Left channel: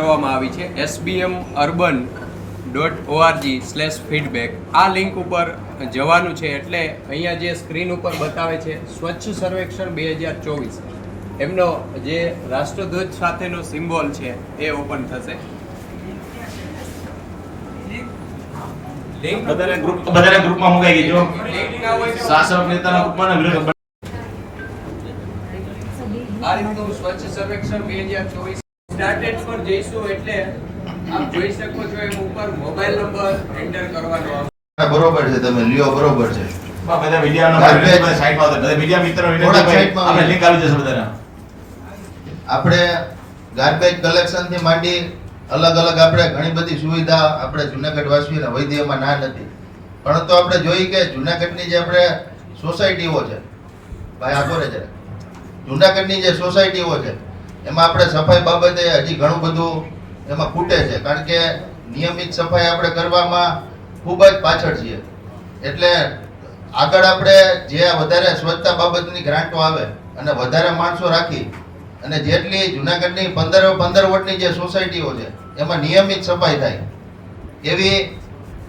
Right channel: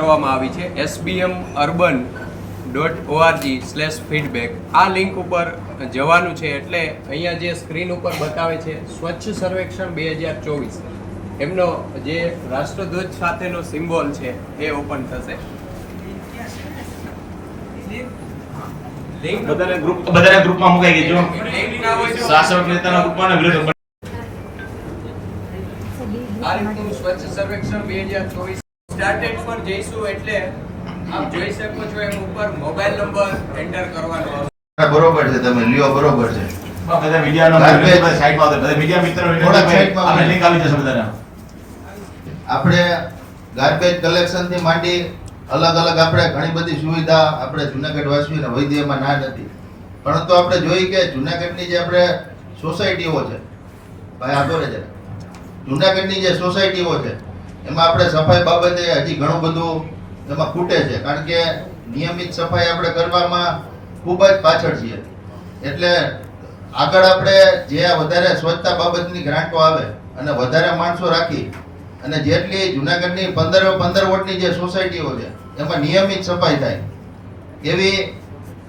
કરવામાં આવી છે sbmurban.org/feedback. આ લિંક ઉપર જવાનું છે એટલે અહીંયા જે સ્ક્રીન ઉપર બતાવે છે સ્વચ્છ સર્વેક્ષણ 2024 એમનો જે રાષ્ટ્રધ્વજ સાથેનો સિમ્બોલ છે એ ઓપન થશે. લિંક બધાને ગ્રુપમાં મુકાઈ ગઈ જો શાસક નેતાના ગ્રુપમાં વિરોધ આ રીતનું સ્વચ્છ સર્વેક્ષણ 2024 સ્ટાર્ટેડ પર જઈશું એટલે આપ જોઈ શકો છો એમ ઉપર મોબાઈલ નંબર એન્ટર કરવાનો. બરોબર છે, તમે લ્યો બરોબર છે. બધા વિડિયો નંબર સાઈડમાં આવશે, બધા વિડિયો મિત્ર વિડિયો આપણે લિંક આવી જશે બધાને. આપણે ગાર્બેજ કલેક્શન થી માંડી અલગ અલગ આપણે ઘણી બધી સુવિધા આપણે જુનાગઢ વાસીઓને વૈદ્યમાં ના નથી, પરંતુ આપણે જોઈ કે જુનાગઢની જે આપણે સોસાયટીઓ છે ભાઈ આપો છે, જુનાગઢની જે સોસાયટીઓ છે એમાં આપણે સફાઈ બાબતે હજી ઘણું બધું એમાં ખૂટે છે, કારણ કે નિયમિત સફાઈ આપણે કરવામાં ખૂબ જ પાછળ છીએ. એટલે આગળ આપણે જે વધારે સ્વચ્છતા બાબતની ગ્રાન્ટો આવે અને વધારે માણસો રાખી અને જેટલી જુનાગઢની 15 વોટની જે સોસાયટીઓ છે એમાં નિયમિત સફાઈ થાય એવી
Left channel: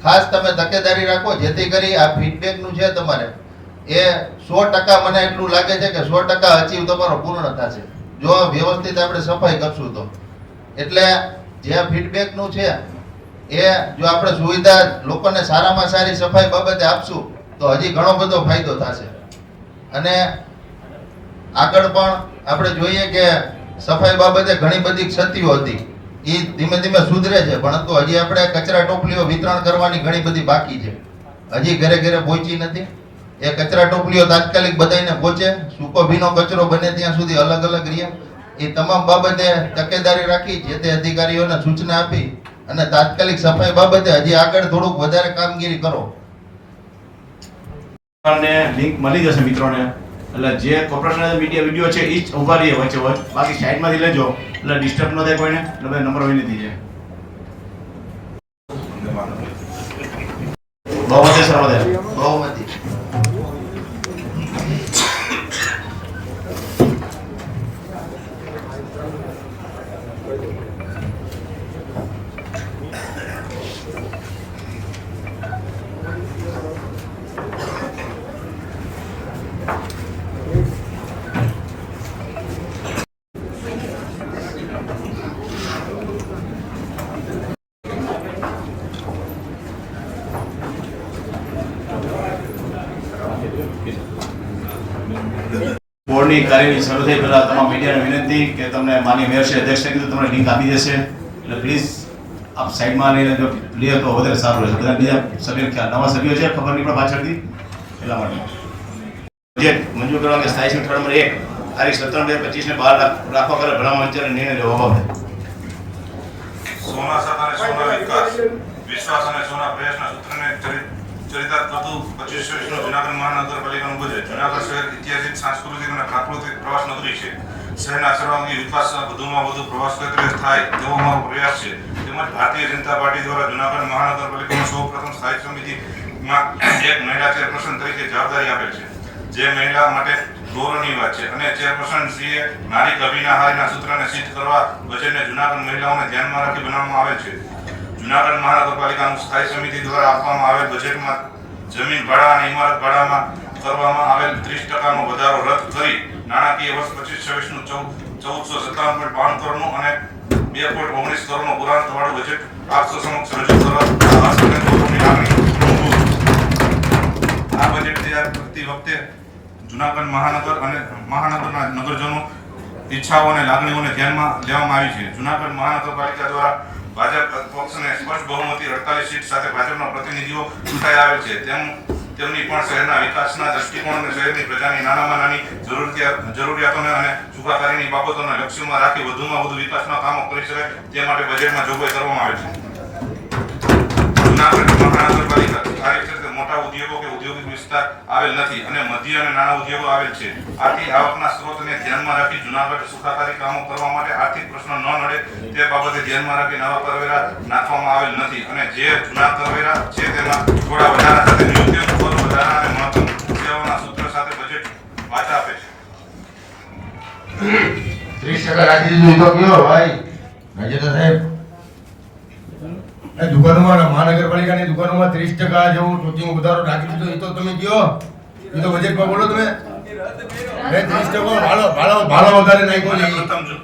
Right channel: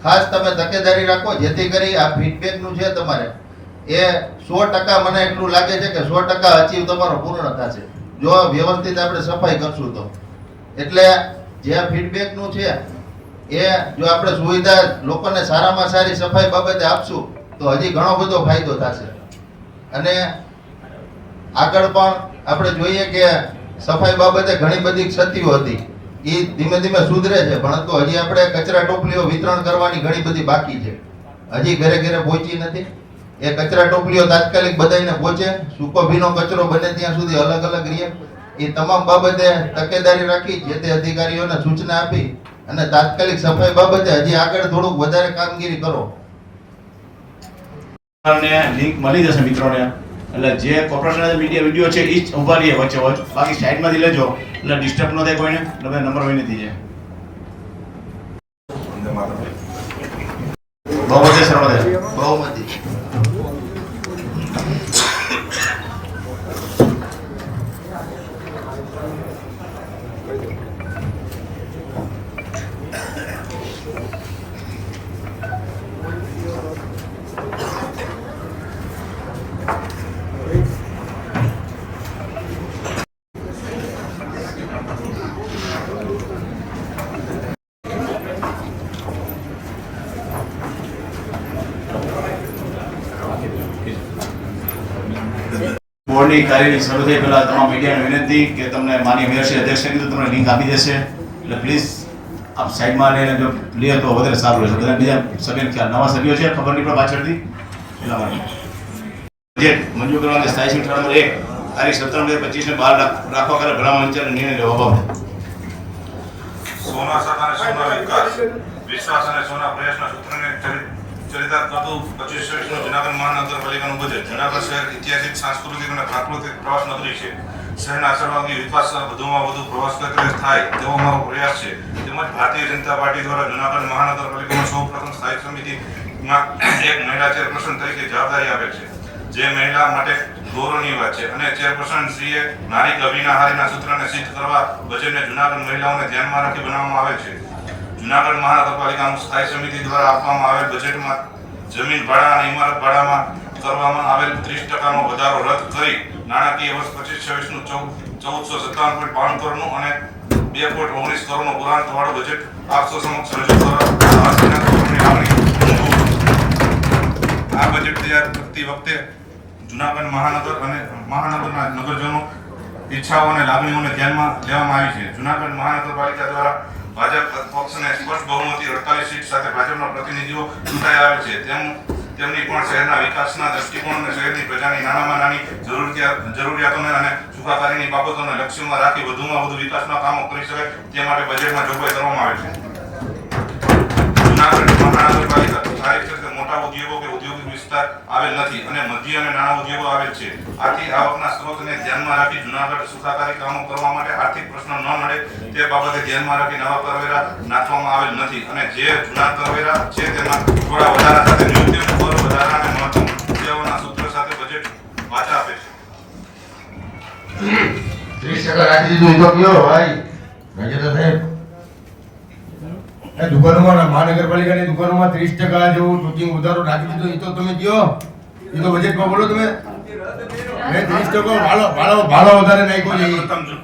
ખાસ તમે તકેદારી રાખો, જેથી કરી આ ફીડબેકનું છે તમારે એ 100% મને એટલું લાગે છે કે 100% અચીવ તમારો પૂર્ણ થશે જો વ્યવસ્થિત આપણે સફાઈ કરશું તો. એટલે જે ફીડબેકનું છે એ જો આપણે સુવિધા લોકોને સારામાં સારી સફાઈ બાબતે આપશું તો હજી ઘણો બધો ફાયદો થશે. અને આગળ પણ આપણે જોઈએ કે સફાઈ બાબતે ઘણી બધી ક્ષતિઓ હતી, એ ધીમે ધીમે સુધરે છે, પરંતુ હજી આપણે કચરા ટોપલીઓ વિતરણ કરવાની ઘણી બધી બાકી છે, હજી ઘરે ઘરે પહોંચી નથી. એ કચરા ટોપલીઓ તાત્કાલિક બધાને પહોંચે, સૂકો ભીનો કચરો બને ત્યાં સુધી અલગ અલગ રહે, એ તમામ બાબતે તકેદારી રાખી જે તે અધિકારીઓને સૂચના આપી અને તાત્કાલિક સફાઈ બાબતે હજી આગળ થોડુંક વધારે કામગીરી કરો. લિંક મળી જશે મિત્રોને, એટલે જે કોર્પોરેશનના મીડિયા વિડિયો છે એ જ ઉભા રહીએ વચ્ચે વચ્ચે, બાકી સાઈડમાંથી લેજો એટલે ડિસ્ટર્બ ન થાય કોઈને, એટલે બધા નંબર વિનંતી છે. બહુમતી સર્વદે બહુમતી બોર્ડની કાર્યવાહી શરૂ થઈ પહેલા તમામ મીડિયાને વિનંતી કે તમને માનીય મેયરશ્રી અધ્યક્ષને કીધું તમને લિંક આપી દેશે, એટલે પ્લીઝ આપ સાઈડમાં લઈને જો લે તો વધારે સારું રહેશે. બધા બીજા સભ્ય ખ્યાલ નવા સભ્યો છે ખબર નહીં પણ પાછળથી એટલા માટે બજેટ મંજૂર કરવાની સ્થાયી સમિતિ નંબર 1 તારીખ 17/2/25 ને બહાર રાખવા કરે ભલામણ અંચે નિર્ણય લેવા બાબતે સોના સાથ અને સોના વિકાસ વિશ્વાસ અને સોના પ્રયાસના સૂત્રને ચરિતાર્થ કરતું 25-26નું જુનાગઢ મહાનગરપાલિકાનું બજેટ. જુનાગઢ શહેર ઐતિહાસિક, સાંસ્કૃતિક અને પ્રાકૃતિક પ્રવાસ નગરી છે. શહેરના સર્વાંગી વિકાસ વધુમાં વધુ પ્રવાસ ક્ષેત્રે થાય તેવો અમારો પ્રયાસ છે. તેમજ ભારતીય જનતા પાર્ટી દ્વારા જુનાગઢ મહાનગરપાલિકામાં સૌપ્રથમ સ્થાયી સમિતિમાં એક મહિલા ચેરપર્સન તરીકે જવાબદારી આપેલ છે, જે મહિલા માટે ગૌરવની વાત છે. અને ચેરપર્સન શ્રીએ નારી અભિનહારીના સૂત્રને સિદ્ધ કરવા બજેટને જુનાગઢ મહિલાઓને ધ્યાનમાં રાખી બનાવવામાં આવેલ છે. જુનાગઢ મહાનગરપાલિકાનું સ્થાયી સમિતિ દ્વારા આપવામાં આવેલ બજેટમાં જમીન ભાડા અને ઇમારત ભાડામાં કરવામાં આવેલ 30%નો વધારો રદ કરી નાણાકીય વર્ષ 25-26નું 1457.52 કરોડનું અને 2.19 કરોડનું પુરાંતવાળું બજેટ આપસો સમક્ષ રજૂ કરવા અર્થની લાગણી. આ બજેટ તૈયાર કરતી વખતે જુનાગઢ મહાનગર અને મહાનગરના નગરજનો ઈચ્છાઓ અને લાગણીઓને ધ્યાનમાં લેવામાં આવી છે. જુનાગઢ મહાનગરપાલિકા દ્વારા ભાજપ પક્ષને સ્પષ્ટ બહુમતી 48 સીટ સાથે ભાજપના પ્રતિનિધિઓ ચૂંટાઈ આવેલ છે. તેમની પણ શહેરના વિકાસના દ્રષ્ટિકોણ અને શહેરની પ્રજાની નાનામાં નાની જરૂરિયાતોને અને સુખાકારીની બાબતોને લક્ષ્યમાં રાખી વધુમાં વધુ વિકાસના કામો કરી શકાય તે માટે બજેટમાં જોગવાઈ કરવામાં આવે છે. જુનાગઢ મહાનગરપાલિકા કાર્યક્ષેત્રે મોટા ઉદ્યોગો કે ઔદ્યોગિક વિસ્તાર આવેલ નથી અને મધ્ય અને નાના ઉદ્યોગો આવેલ છે. આથી આવકના સ્ત્રોતને ધ્યાનમાં રાખી જુનાગઢ સુખાકારી કામો કરવા માટે આર્થિક પ્રશ્નો ન નડે તે બાબતે ધ્યાનમાં રાખી નવા કરવેરા નાખવામાં આવેલ નથી અને જે જૂના કરવેરા છે તેમાં થોડા વધારા સાથે નિયુક્તિઓ કર વધારા અને મહત્તમ સેવાઓના સૂત્ર સાથે બજેટ વાચા આપે છે. 30% રાખી દીધું તો કયો ભાઈ રાજેન્દ્ર સાહેબ, એ દુકાનોમાં મહાનગરપાલિકાની દુકાનોમાં 30% જેવું શૂટિંગ વધારો રાખી દીધો. એ તો તમે કયો, એ તો બજેટમાં બોલો તમે. 30% ભાડો વધારે નાખ્યો છે.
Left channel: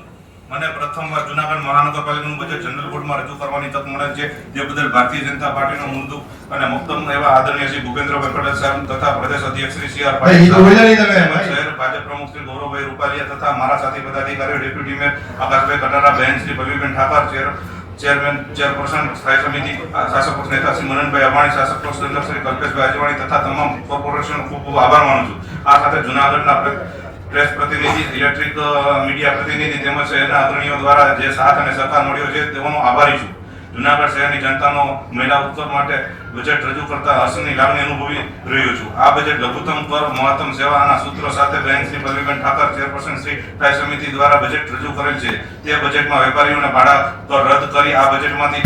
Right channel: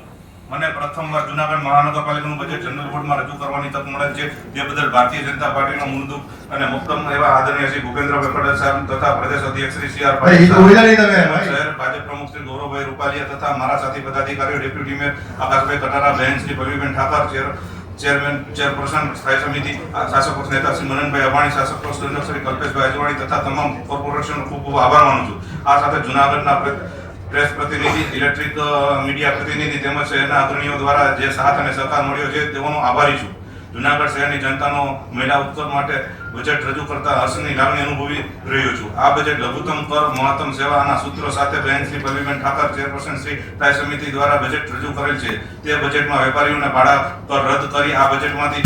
મને પ્રથમવાર જુનાગઢ મહાનગરપાલિકાનું બજેટ જનરલ બોર્ડમાં રજૂ કરવાની તક મળે છે, જે બદલ ભારતીય જનતા પાર્ટીના મૂળદુખ અને મુક્તમ એવા આદરણીય શ્રી ભૂપેન્દ્રભાઈ પટેલ સાહેબ તથા પ્રદેશ અધ્યક્ષ શ્રી સી આર ભાઈ, એ તો બોલ્યા નહીં તમે. તેમજ શહેર ભાજપ પ્રમુખ શ્રી ગૌરવભાઈ રૂપાલિયા તથા મારા સાથી પદાધિકારીઓ ડેપ્યુટી મેયર આકાશભાઈ કટારા, બહેન શ્રી પલ્લવીબેન ઠાકર, ચેરપર્સન સ્થાયી સમિતિ શાસક પક્ષ નેતા શ્રી મનનભાઈ અબાણી, શાસક પક્ષ દંડક શ્રી કલ્પેશભાઈ અજવાણી તથા તમામ કોર્પોરેશનનો ખૂબ ખૂબ આભાર માનું છું. આ સાથે જુનાગઢના પ્રેસ પ્રતિનિધિ, ઇલેક્ટ્રિક મીડિયા પ્રતિનિધિ તેમજ શહેરના અગ્રણીઓ દ્વારા જે સાથ અને સહકાર મળ્યો છે તેઓનો આભારી છું. જુનાગઢ શહેરની જનતાનો મહિલા ઉત્કર્ષ માટે બજેટ રજૂ કરતા હર્ષની લાગણી અનુભવી રહ્યો છું. આ બજેટ લઘુત્તમ કર, મહત્તમ સેવાના સૂત્રો સાથે બહેન શ્રી પલ્લવીબેન ઠાકર, ચેરપર્સન શ્રી સ્થાયી સમિતિ દ્વારા બજેટ રજૂ કરેલ છે. તે બજેટમાં વેપારીઓને ભાડા કર રદ કરી આ બજેટમાંથી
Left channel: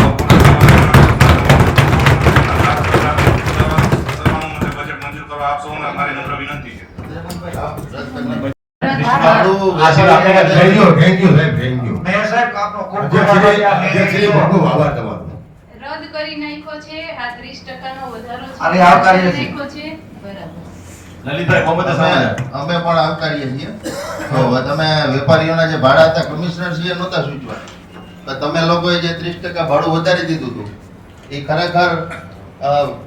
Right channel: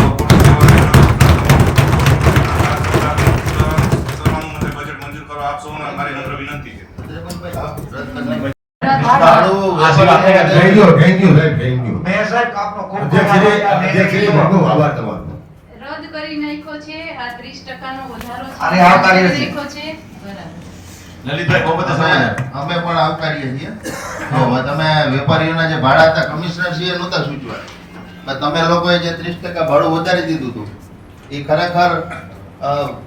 બજેટ મંજૂર કરવા આપ સૌને મારી નમ્ર વિનંતી છે. થેન્ક યુ સાહેબ, થેન્ક યુ. અધ્યક્ષશ્રી, બહુ આભાર તમારો. રદ કરી નાખ્યો છે. આ 30% નો વધારો છે. અરે, આવકારીએ છીએ. નાખ્યો છે. બરાબર. લલિતભાઈ બાબતે અમે પણ આવકારીએ છીએ. તો તમે વેપારીઓના જે ભાડા હતા કમિશનર શ્રીએ નહોતા સૂચવા, પણ તમે લોકોએ જે 30% ભાડું વધારી દીધું હતું એ ખરેખર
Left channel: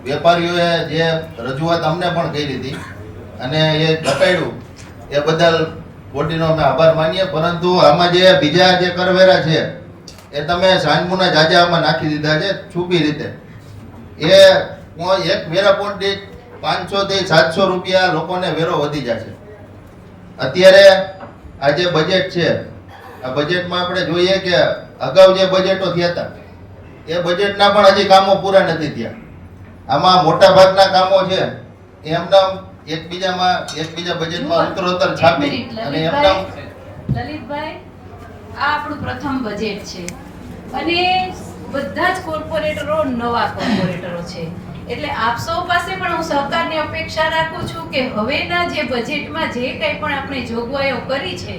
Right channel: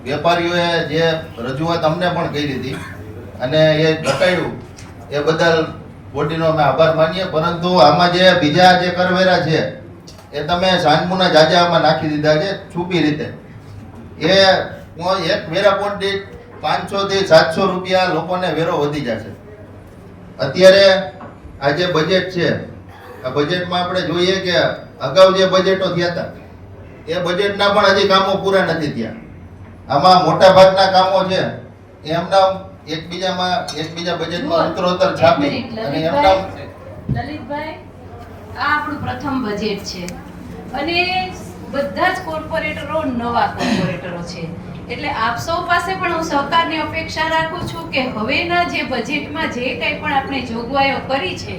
વેપારીઓએ જે રજૂઆત અમને પણ કરી હતી અને એ ઘટાડ્યું એ બદલ બોડીનો અમે આભાર માનીએ. પરંતુ આમાં જે બીજા જે કરવેરા છે એ તમે સાંજમુના જાજામાં નાખી દીધા છે છુપી રીતે. એ એક વેરા પોઈન્ટ દીઠ 500 થી 700 રૂપિયા લોકોને વેરો વધી જશે. અત્યારે આ જે બજેટ છે આ બજેટમાં આપણે જોઈએ કે અગાઉ જે બજેટો થયા હતા એ બજેટના પણ હજી કામો પૂરા નથી થયા. આમાં મોટા ભાગના કામો છે એ એમના એકબીજા બજેટમાં ઉત્તરોત્તર છાપી અને એમના લલિતભાઈ, આ આપણું પ્રથમ બજેટ છે અને બધા જ કોર્પોરેટરો નવા કોર્પોરેટરો છે. એટલે આપ સૌ પાસે પણ હું સહકારની અપેક્ષા રાખું છું કે હવેના જે બજેટમાં જે કંઈ પણ આપણે જોગવાઈઓ કરી છે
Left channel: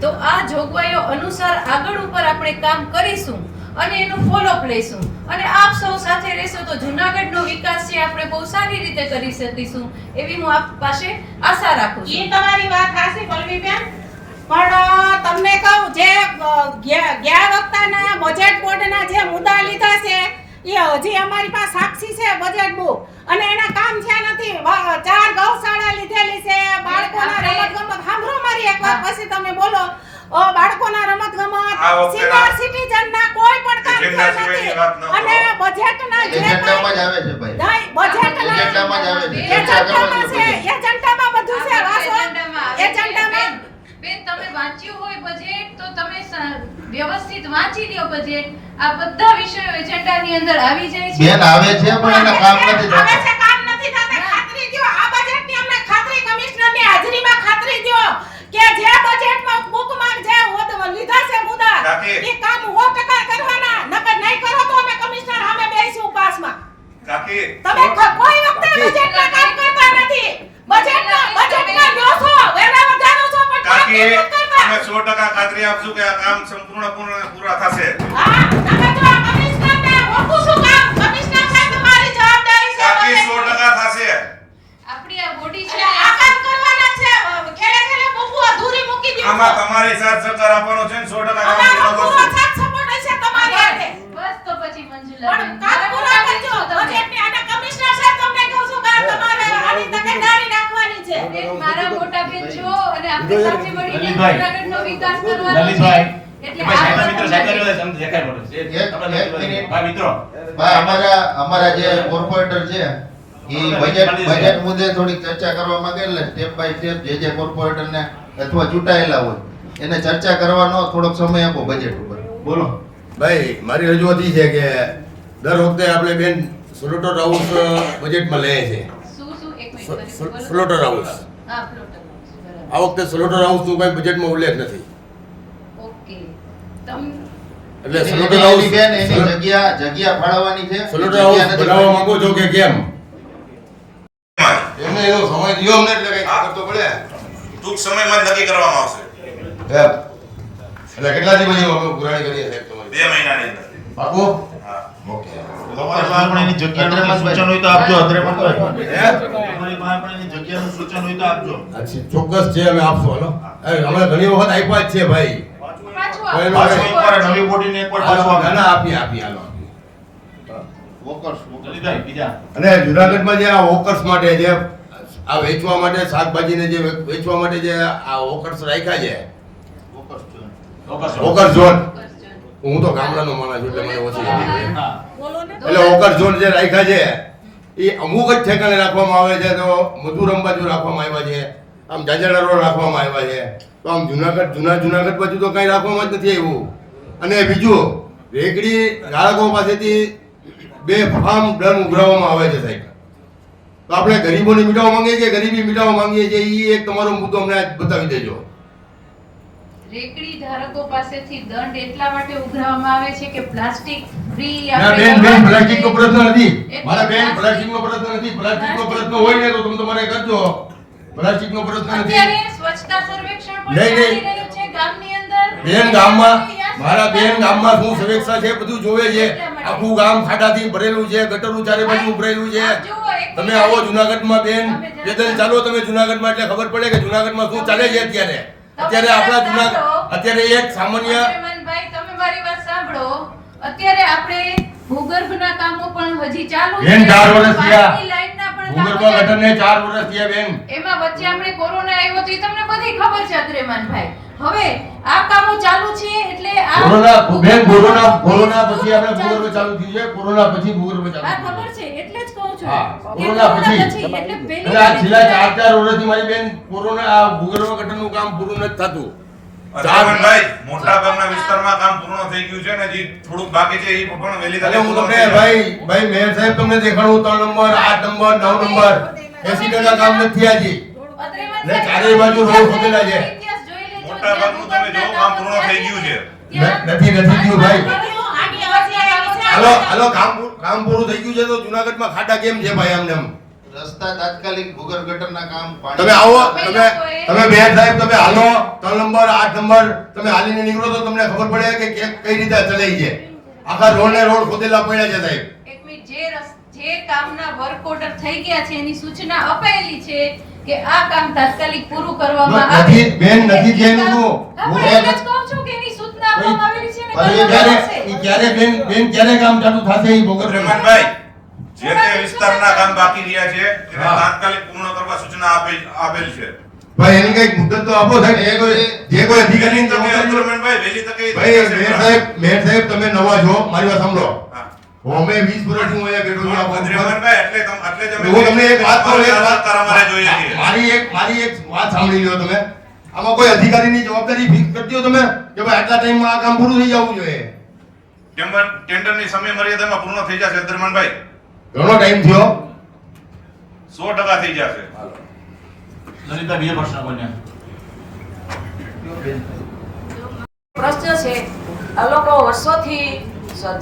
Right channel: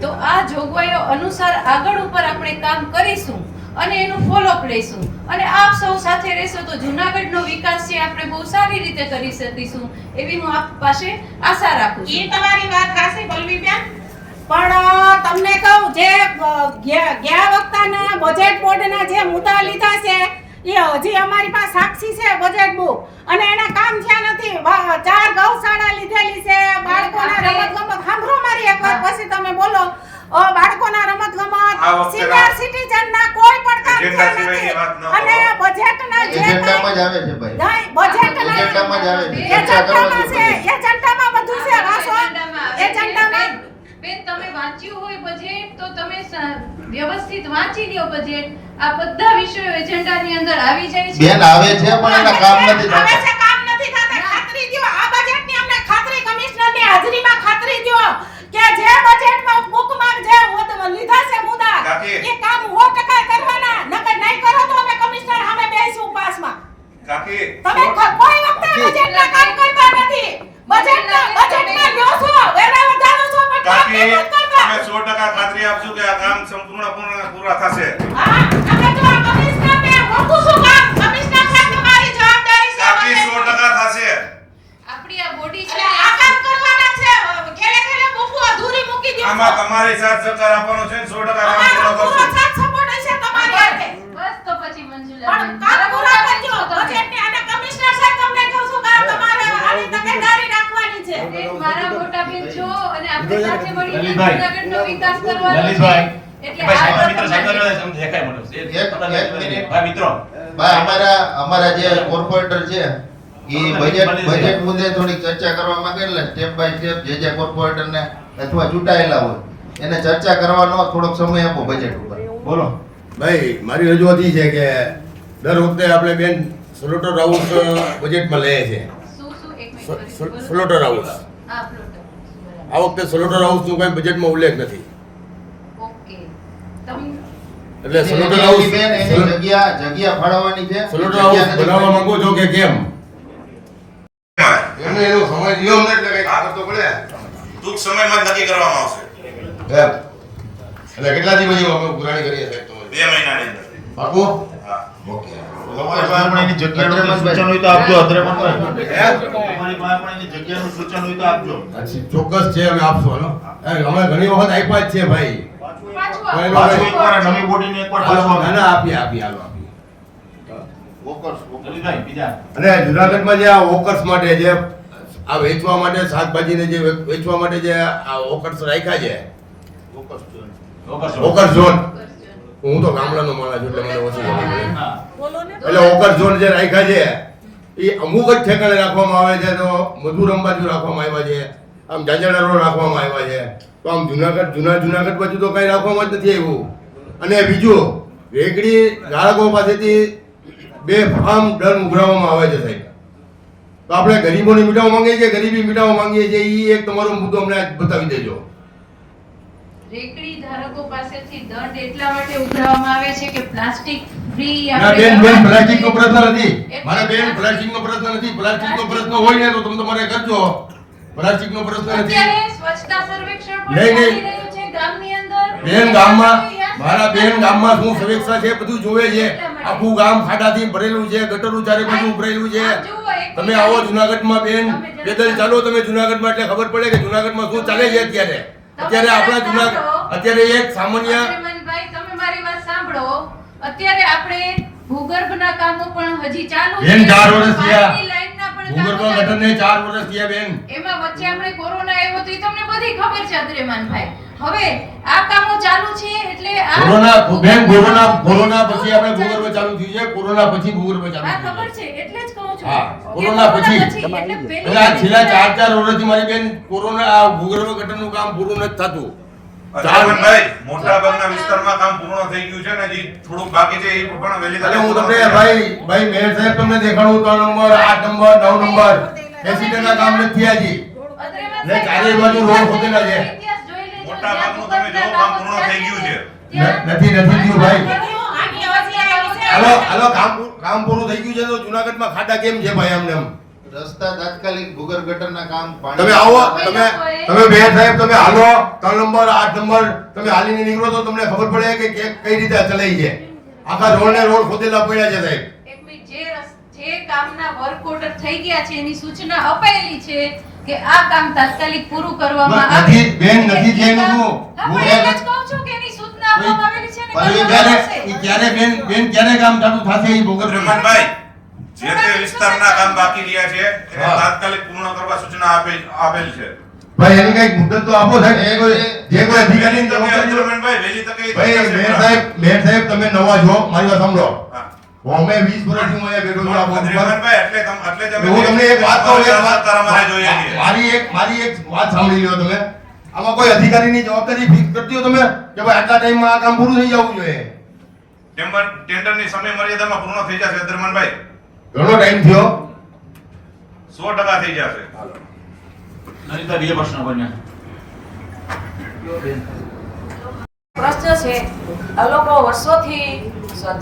તો આ જોગવાઈઓ અનુસાર આગળ ઉપર આપણે કામ કરીશું અને એનું ફોલોઅપ લઈશું અને આપ સૌ સાથે રહેશો તો જુનાગઢનો વિકાસ છે આપણે બહુ સારી રીતે કરી શકીશું એવી હું આપ પાસે આશા રાખું છું. એ તમારી વાત સાચી પલ્લવીબેન, પણ તમને કહું જે ગયા વખતના બજેટ બોર્ડના જે મુદ્દા લીધા છે એ હજી અમારી પાસે સાક્ષી છે બજેટ બુક અને એના કામ થયા નથી. 4 ગૌશાળા લીધેલી છે, બાળકોના રમતગમત. સાંભળો મારી એક વાત પછી તમે બોલો. બાળકોના રમતગમત, સિનિયર સિટીઝનના કોઈ પણ કામ થયા નથી અને બજેટના જે એજન્ડામાં જ આવે છે ભાઈ. બજેટના એજન્ડામાં જ આવે છે. એજન્ડામાં છે, એજન્ડામાં બધું છે. વાસો એજન્ડામાં બેન, તમે વાંચ્યું હોય બજેટ તો તમે વ્યવસ્થિત વાંચી લ્યો બજેટ. આ બધા વિષયો એજન્ડાની અંદર આવી જાય છે. બેન આવે છે પણ એના કામ નથી હવે થતા. છે કામ નથી થતા. ખાતરી દ્યો આ બજેટની અમને ખાતરી કમિશનરની હાજરીમાં ખાતરી દ્યો કે જે બજેટમાં બુકમાં જે લીધા છે મુદ્દા એ કામ 100% કરવાના. નકર નહીં કરો તો અમે કમિશનર સામે બેસીશું પાસમાં. કાકી, તમે કોઈ વખતે બજેટના કામ કરતા નથી. બજેટના લો છો, વેરા વધારો છો પણ કામ કાકી, નથી કરતા. અમે 100% ખાતરી આપશું કે આ કામ સંપૂર્ણ પૂરા થશે. હા, નકર તો આ કમિશનરને ઓળખું છું કામ. કમિશનર સાહેબ તમારી જવાબદારી છે. કાકી, હવે. 100% થશે. આપણી આ બોડી છે એટલે આ કામ કરવાના છે. ખેલે ખેલે બુકુ અધૂરી મૂકી દ્યો છો. આમાં તમારી સાથ સહકાર આપવાનો છે ને 100% કામ અમારો પૂરો પૂરો કરશું. સાથ સપોર્ટ હશે તમારી હાથે. બસ તો પછી મંજુલા પણ કામ પૂરા કરજો. બજેટને અને કમિશનર સાહેબ તમને કહું છું કે તમારે આની તકેદારી રાખવાની છે. મારા મોટા બેન છો અને આપણે સાથે મળીને લલિતભાઈ. જૂનાગઢનો વિકાસ કરવાનો છે. લલિતભાઈ. એટલે ભાઈ, આ મિત્ર પ્રથમ સાહેબ બજેટ. સમજી શકાય મને. એક મિનિટ. ભાઈ મિત્રો, ભાઈ, અમારા જે કોર્પોરેટર છે એ બજેટ મુદ્દે થોડીક ચર્ચા કરવા માંગે એટલે સ્ટેપ બાય સ્ટેપ જે કોર્પોરેટરને અથવા ચૂંટાયેલા હોય એને ચર્ચા કરવાનો થોડોક સમય આપો બજેટ ઉપર. બોલો. ભાઈ, મારી રજૂઆત એ છે કે દર વખતે આપણે બેન સ્લોટર હાઉસ બજેટમાં લઈએ છીએ. શું એક મિનિટ સ્લોટર હાઉસ. હા, પ્લોટર. આ વખતે સ્લોટર હાઉસનું કંઈ બજેટમાં ઉલ્લેખ નથી. ઓકે. તમ એટલે સ્લોટર હાઉસ એની જગ્યા ફાળવવાની છે. સ્લોટર હાઉસ જગ્યા નથી બનાવવા માંગો છો કે કેમ? એમ. એનો એનો સમય દિયો અમને એટલે કંઈક ખબર તો પડે. ટૂંક સમયમાં જ નક્કી કરવામાં આવશે. એમ. એટલે કેટલા દી પછી અમે ઉઘરાણી કરીએ સાહેબ તમારી? 2 મહિનાની અંદર. પાકું હા. ઓકે તમારી પાસે પણ એની જગ્યાનું સૂચન હોય તો આપજો. તમારી પાસે પણ એની જગ્યાનું સૂચન હોય તો આપજો. અચ્છા ચોક્કસ છે અમે આપશું હાલો અમે ઘણી વખત આપ્યા જ છે ભાઈ પાછું પાછું એકવાર નવી બોડીને એકવાર પાછું ના આપજો. ના આપીએ હાલો આપીએ વોકર્સ જલ્દી બીજા અને જુનાગઢમાં જે આ વોકર્સ માટે જે આ વેચવા માટે શાકભાજીને જે વેચવા માટે જે આ વોકર્સ રાખ્યા છે વોકર્સ જોઈને. વોકર ઝોન હું તો ગામડાનો માણસ છું એટલે મને ઓછી ખબર પડે હા. એટલે વોકર ઝોન જે રાખ્યા છે એ અમુક જ ઠેકાણે રાખવામાં આવે છે તો મધુર અંબાજુ રાખવામાં આવ્યા છે આમ જાજડા રોડ રાખવામાં આવ્યા છે તો આમ જુનાગઢ બાજુ તો કઈ રાખવામાં જ નથી આવ્યું અને બીજું રેકડી ગ્રાહકો પાસેથી બે ફાર્મ ડર ઉઘરાવવામાં આવે છે સાહેબ તો આપણે ગરીબોને મીટાવા માંગીએ છીએ ગરીબી મીટાવા માંગીએ છીએ એ એક તમારો મુદ્દો અમને આજ બતાવી દેજો રેકડી ધારકો પાસેથી દંડ એટલા માટે ઉઘરાવવામાં આવે છે કે પ્લાસ્ટિક ફ્રી ના બેન પ્લાસ્ટિકનો પ્રશ્ન નથી મારા બેન પ્લાસ્ટિકનો પ્રશ્ન નથી પ્લાસ્ટિકનો પ્રશ્ન હોય ને તો તમે તમારે કરજો પ્લાસ્ટિકનો પ્રશ્ન નથી અત્યારે સ્વચ્છતા સર્વેક્ષણ પણ નહીં, નહીં. ચાલી રહ્યું છે ગામની અંદર બેન ગામમાં મારા બેન ગામમાં શું સર્વેક્ષણ છે બધું જોવે છે આખું ગામ ખાડાથી ભરેલું છે ગટરું ચારે બાજુ ઉભરેલું છે તમે આવો જુનાગઢમાં બેન પેદલ ચાલો તમે જુનાગઢમાં એટલે ખબર પડે કે જુનાગઢમાં શું ચાલે છે અત્યારે આપણા જુનાગઢ અત્યારે એક સામાન્ય ભાઈ તમે મારી વાત સાંભળો અત્યારે આપણે ભૂગર્ભના કામો પણ હજી ચાલુ બેન 4 વર્ષ થયા પાણીની લાઈનના પણ કામો ભૂગર્ભ ચાલુ ગટરને 4 વર્ષ થયા બેન એમાં વચ્ચે આપણે કોરોના આવ્યો તો એ તમને બધી ખબર છે અદ્રેમાનભાઈ હવે આ કામો ચાલુ છે એટલે આ કોરોના પછી આપણે ભૂગર્ભ ચાલુ થયું છે કોરોના પછી ભૂગર્ભ ચાલુ આ થયું ખબર છે એટલે જ કહું છું હા, કે કોરોના પછી. એટલે એટલે આ છેલ્લા 4 વર્ષથી મારી બેન કોરોના આ ભૂગર્ભ ગટરનું કામ પૂરું નથી થતું અજયભાઈ, મોટા ભાગના વિસ્તારમાં કામ પૂર્ણ થઈ ગયું છે ને હજી થોડુંક બાકી છે એ પણ વહેલી એટલે તકે હું પૂર્ણ તમને થઈ જશે. ભાઈ મેયર સાહેબ તમને દેખાડું 3 નંબર 8 નંબર 9 નંબર 80% કામ નથી થયા હજી અદ્રેમાનભાઈ, એટલે ચારેય બાજુ રોડ ખોદેલા છે. ઇતિહાસ જોઈ લેજો. મોટા ભાગનું તમે જો કામ પૂર્ણ થઈ ગયું છે. નથી થયું ભાઈ આની અવાજ આવી છે. હાલો કામ પૂરું થઈ ગયું છે તો જુનાગઢમાં ખાડા કેમ છે ભાઈ આમને આમ રસ્તા તાત્કાલિક ભૂગર્ભ ગટરના કામ તમે આવો તમે બે સાહેબ તમે હાલો 3 નંબર 8 નંબર તમે હાલીને નીકળો તો તમને ખબર પડે કે કઈ રીતે ચલાઈ છે આખા રોડ ને રોડ ખોદેલા પડ્યા છે સાહેબ એક મિનિટ, જે કામના વર્ક ઓર્ડર થઈ ગયા છે એની સૂચના અપાયેલી છે કે આ કામ તાત્કાલિક પૂરું કરવામાં આવે. નથી બેન નથી થયેલું શું હા, પણ એટલે જ કહું છું કે એની સૂચના આપવામાં આવેલી છે ને પણ એ કરવામાં ક્યારે આવશે. એ ક્યારે બેન ક્યારે કામ ચાલુ થશે એ ભોગવવું પડશે. અજયભાઈ, જે તે વિસ્તારના કામ બાકી રહ્યા છે એને હા. તાત્કાલિક પૂર્ણ કરવા સૂચના આપેલ છે. ભાઈ એની કઈક મુદ્દત તો આપો સાહેબ જે કોઈ અધિકારીની તમે જવાબદારી હોય. અજયભાઈ, વહેલી તકે એ ભાઈ થશે. મેયર સાહેબ તમે નવા છો મારી વાત સાંભળો હા. અમે 20 વર્ષથી હું અહીંયા બેઠો છું આ પદ પર. અજયભાઈ, એટલે જ અમે હું તમને એક વાત કહું અમારે જોઈએ છીએ. મારી એક વાત સાંભળી લો તમે આમાં કોઈ અધિકારીની જવાબદારી ફિક્સ કરતી હો તમે કે ભાઈ આટલા ટાઈમમાં આ કામ પૂરું થઈ જવું જોઈએ ટેન્ડરની સમય મર્યાદામાં પૂર્ણ થઈ જશે અદ્રમાનભાઈ. ઘણો ટાઈમ થયો 100% થઈ જશે. નરેન્દ્ર બે પ્રશ્ન બન્યા પ્રશ્ન છે આ લોકો વર્ષોથી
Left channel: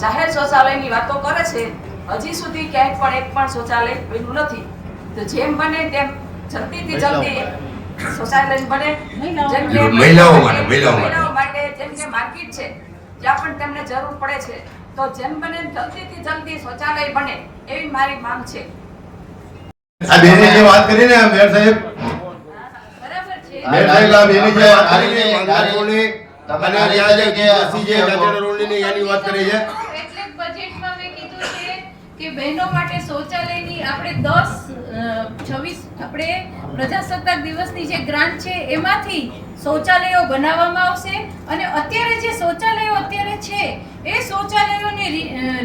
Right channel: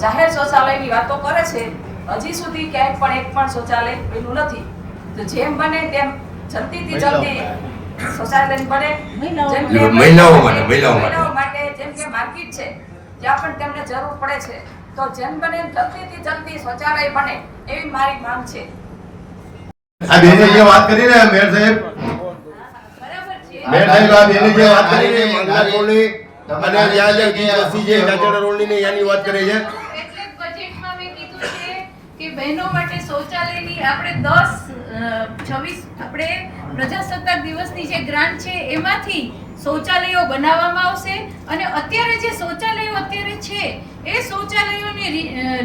જાહેર શૌચાલયની વાતો કરે છે હજી સુધી ક્યાંય પણ એક પણ શૌચાલય બન્યું નથી તો જેમ બને તેમ જલ્દીથી જલ્દી શૌચાલય બને જેમ કે મહિલાઓ માટે. મહિલાઓ માટે જેમ કે માર્કેટ છે જ્યાં પણ તેમને જરૂર પડે છે તો જેમ બને એમ જલ્દીથી જલ્દી શૌચાલય બને એવી મારી માંગ છે આ બેને જે વાત કરી ને મેયર સાહેબ બરાબર છે. મેયર સાહેબ આ બેને જે વાત કરી ને માંગલા રોડની અને ત્યાં જે વસ્તી છે જાજડા રોડની ને ત્યાંની વાત કરી છે એટલે જ બજેટમાં મેં કીધું છે કે બહેનો માટે શૌચાલયની આપણે 26 આપણે પ્રજાસત્તાક દિવસની જે ગ્રાન્ટ છે એમાંથી શૌચાલયો બનાવવામાં આવશે અને અત્યારે જે શૌચાલયો અત્યારે છે એ શૌચાલયોને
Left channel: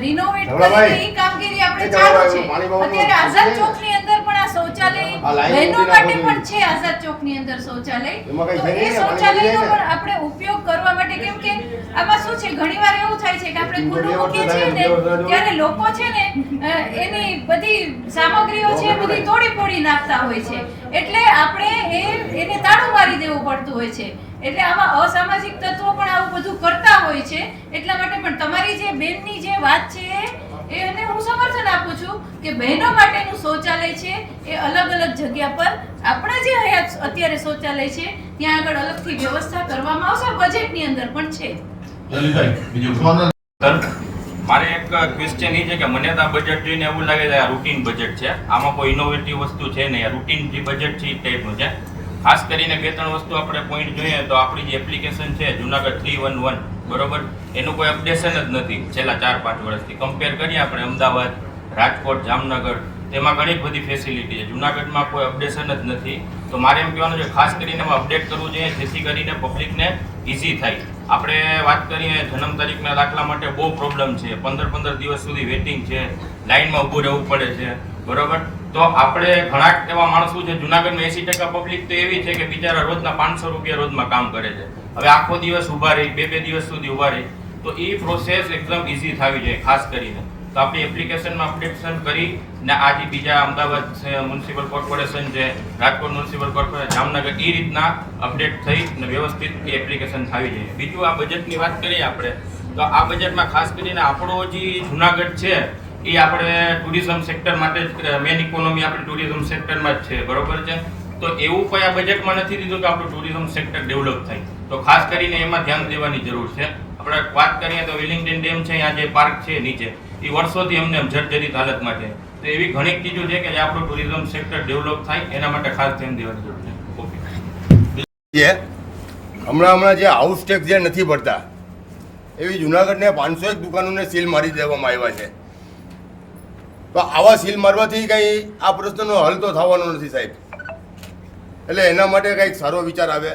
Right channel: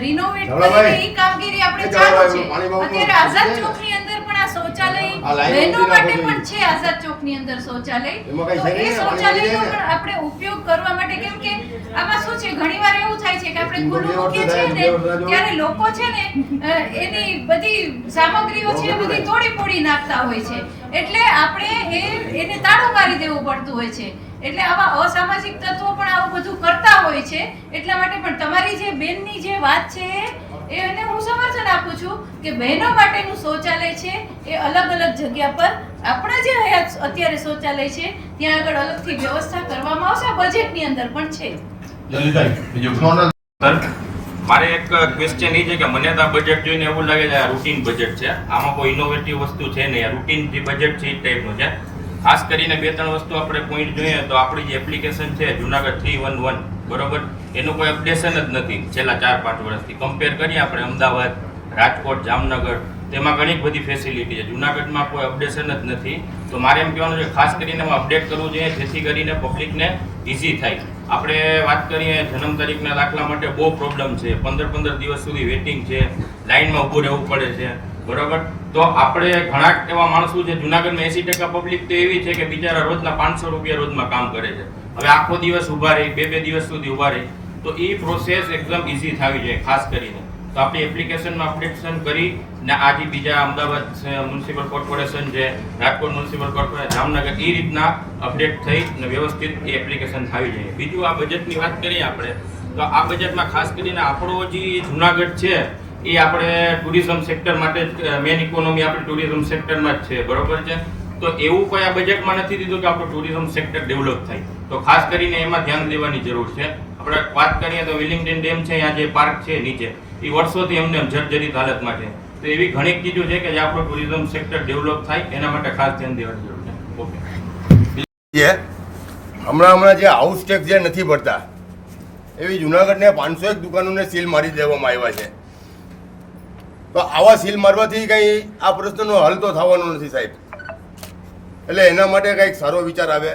રિનોવેટ કરીને એ કામગીરી આપણે ચાલુ છે અત્યારે આઝાદ ચોકની અંદર પણ આ શૌચાલય બહેનો માટે પણ છે આઝાદ ચોકની અંદર શૌચાલય તો એ શૌચાલયનો પણ આપણે ઉપયોગ કરવા માટે કેમ કે આમાં શું છે ઘણીવાર એવું થાય છે કે આપણે ખુલ્લું મૂકીએ છીએ ને ત્યારે લોકો છે ને એની બધી સામગ્રીઓ છે એ બધી તોડી ફોડી નાખતા હોય છે એટલે આપણે એને તાળું મારી દેવું પડતું હોય છે એટલે આવા અસામાજિક તત્વો પણ આવું બધું કરતા હોય છે એટલા માટે પણ તમારી જે બેનની જે વાત છે એને હું સમર્થન આપું છું કે બહેનો માટેનું શૌચાલય છે એ અલગ અલગ જગ્યા પર આપણા જે અત્યારે શૌચાલય છે ત્યાં આગળ અલગથી વ્યવસ્થા કરવામાં આવશે બજેટની અંદર પણ છે લલિતભાઈ બીજું સોનલ મારે એક ક્વેશ્ચન એ છે કે મને તો આ બજેટ જોઈને એવું લાગે છે આ રૂટીન બજેટ છે, આમાં કોઈ ઇનોવેટિવ વસ્તુ છે નહીં. આ રૂટીન જે બજેટ છે એ ટાઈપનું છે. ખાસ કરીને 2-3 વસ્તુ આપણે પોઈન્ટ જોઈએ તો આપણી જે એપ્લિકેશન છે જુનાગઢ 311 બરોબર, એનું કોઈ અપડેશન જ નથી છેલ્લા 4-5 વર્ષથી. કમ્પેર કરીએ આપણે અમદાવાદ, રાજકોટ, જામનગર, તેમાં ઘણી બધી ફેસિલિટી છે. જુનાગઢમાં કોઈ અપડેશન જ નથી. તો મારે એમ કહેવાનું છે ખાસ કરીને એમાં અપડેટ કરવું જોઈએ જેથી કરીને પબ્લિકને ઇઝી થાય. આપણે વાત કરીએ જન્મ તારીખના દાખલા માટે બહુ પ્રોબ્લેમ છે, 15 દિવસ સુધી વેઇટિંગ છે, લાઇનમાં ઊભું રહેવું પડે છે બરોબર. તો આપણે ઘણા એવા માણસો છે જુનાગઢમાં 80% પબ્લિક તો એવી છે કે બિચારા રોજના 500 રૂપિયા રોજમાં કામ કરે છે. હવે આખો દિવસ ઊભા રહી, 2 દિવસ સુધી ઊભા રહી, તો એ પ્રોસેસ એકદમ ઇઝી થવી જોઈએ ખાસ કરીને. તો આપણી એપ્લિકેશનમાં અપડેશન કરી ને આજે બીજા અમદાવાદ મ્યુનિસિપલ કોર્પોરેશન છે, રાજકોટ મ્યુનિસિપલ કોર્પોરેશન, જામનગર, એ રીતના અપડેટ થઈ ને વ્યવસ્થિત એ એપ્લિકેશન થવી જોઈએ. બીજું આ બજેટની વાત કરીએ આપણે તો આ બજેટમાં ખાસ કરીને આપણો જે જુનાગઢ છે એ આપણે ટુરિઝમ સેક્ટર માટે મેન ઇકોનોમી આપણે ટુરિઝમ સેક્ટરમાં જ છે બરોબર છે. તો એવું કોઈ આ બજેટમાં નથી દીધું કે આપણું ટુરિઝમ સેક્ટર ડેવલપ થાય. તો ખાસ કરીને એમાં ધ્યાન દેવાની જરૂર છે. આપણે વાત કરીએ તો વિલિંગ્ટન ડેમ છે, અહીંયા જે પાર્ક છે નીચે, એ વર્ષોથી એમને જર્જરિત હાલતમાં છે. તો એવી ઘણી ચીજો છે કે જે આપણું ટુરિઝમ સેક્ટર ડેવલપ થાય એના માટે ખાસ ધ્યાન દેવાની જરૂર છે. ઓકે. હમણાં જે હાઉસ ટેક્સ જે નથી ભરતા એવી જુનાગઢને 501 દુકાનોને સીલ મારી દેવામાં આવ્યા છે. તો આવા સીલ મારવાથી કંઈ આ પ્રશ્નનો હલ તો થવાનો નથી સાહેબ. એટલે એના માટે કંઈક સારો વિચાર આવે,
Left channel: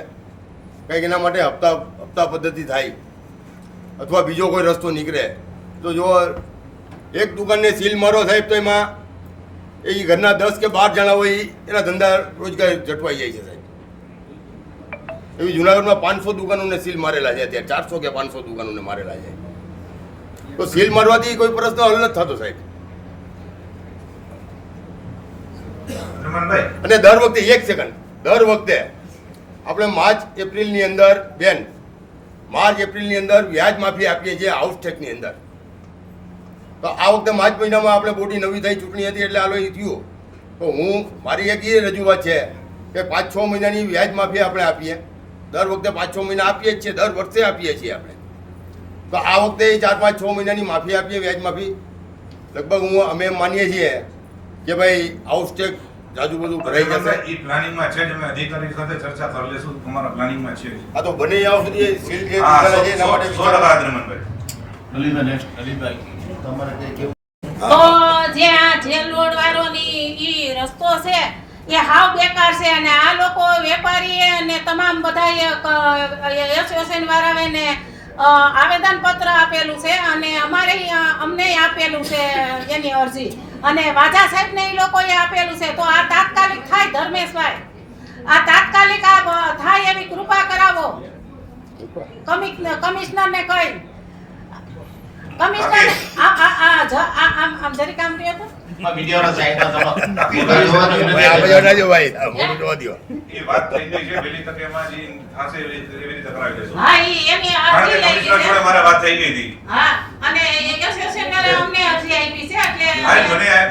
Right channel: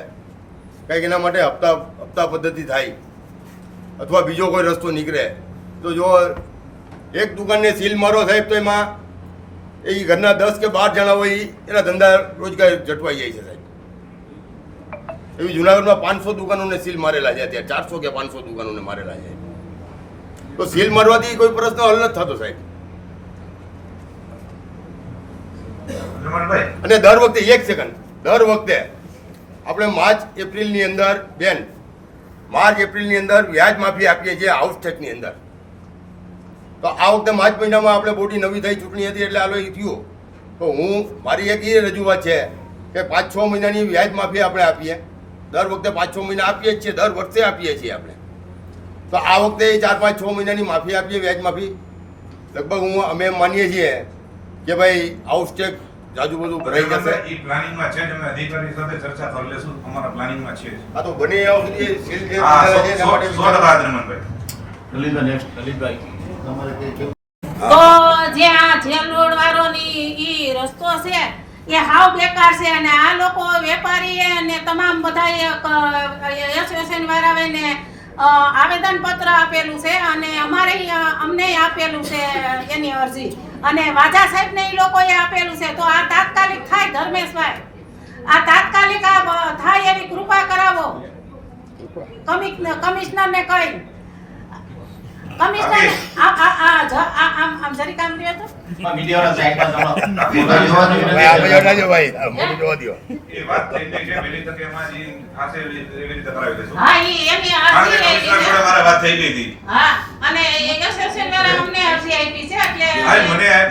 કંઈક એના માટે હપ્તા પદ્ધતિ થાય અથવા બીજો કોઈ રસ્તો નીકળે. તો જો એક દુકાનને સીલ મારો સાહેબ તો એમાં એ ઘરના 10 કે 12 જણા હોય એના ધંધા રોજગાર જટવાઈ જાય છે સાહેબ. એવી જુનાગઢમાં 500 દુકાનોને સીલ મારેલા છે, અત્યારે 400 કે 500 દુકાનોને મારેલા છે. તો સીલ મારવાથી કોઈ પ્રશ્ન હલ નથી થતો સાહેબ. અને દર વખતે 1 સેકન્ડ, દર વખતે આપણે માર્ચ એપ્રિલની અંદર વ્યાજ માફી આપીએ છીએ હાઉસ ટેક્સની અંદર. તો આ વખતે માર્ચ મહિનામાં આપણે બોડી નવી થઈ ચૂંટણી હતી એટલે આલો એ થયું. તો મારી એક એ રજૂઆત છે કે 5-6 મહિનાની વ્યાજ માફી આપણે આપીએ. દર વખતે 5-6 મહિના આપીએ જ છીએ, દર વર્ષે આપીએ છીએ આપણે. તો આ વખતે 4-5-6 મહિનાની માફી આપીએ, વ્યાજ માફી. લગભગ અમે માનીએ છીએ કે ભાઈ હાઉસ ટેક્સ જાજુ બધું ભરાઈ જશે. એ પ્લાનિંગમાં છે, અમે અધિકારી સાથે ચર્ચા કરી લેશું, અમારા પ્લાનિંગમાં છે. આ તો બને આવ સુધી સીલ કે હા, એના માટે 100% રમણભાઈ. લલિતભાઈ નેક્સ્ટ. લલિતભાઈ તમારે કઈ કેવું? તો જે આ જેલ રોડ વાળોની ઈ રસ્તો છે એ હાવ બેકાર છે. અને આ લોકો વેપારી અને તમામ બધા એસોસિએશન વાળાને આવેદન પત્ર આપેલું છે અને અમને આપેલું છે એની અરજી, અને વાજા સાહેબને એ લોકોએ આપેલું છે. તો આ તાત્કાલિક થાય ધર્મેશભાઈ, આ તાત્કાલિક આ થાય એવી કૃપા કરાવો કમિશનરને કહી. કમિશનર આમ જરી કામ કર્યો તો મીડિયાના સાઈડમાં મોટું જોવા દો. એ વાત થઈ ગઈ છે, વહેલી તકે એમાં જે થશે એવી રીતે કરાવી દેશું. હા ઈ એની કારણ કે અરજી કમિશનર જોડે મારા વાત થઈ ગઈ હતી. હા, અને એસોસિએશનને અમને અરજી આપી છે એટલે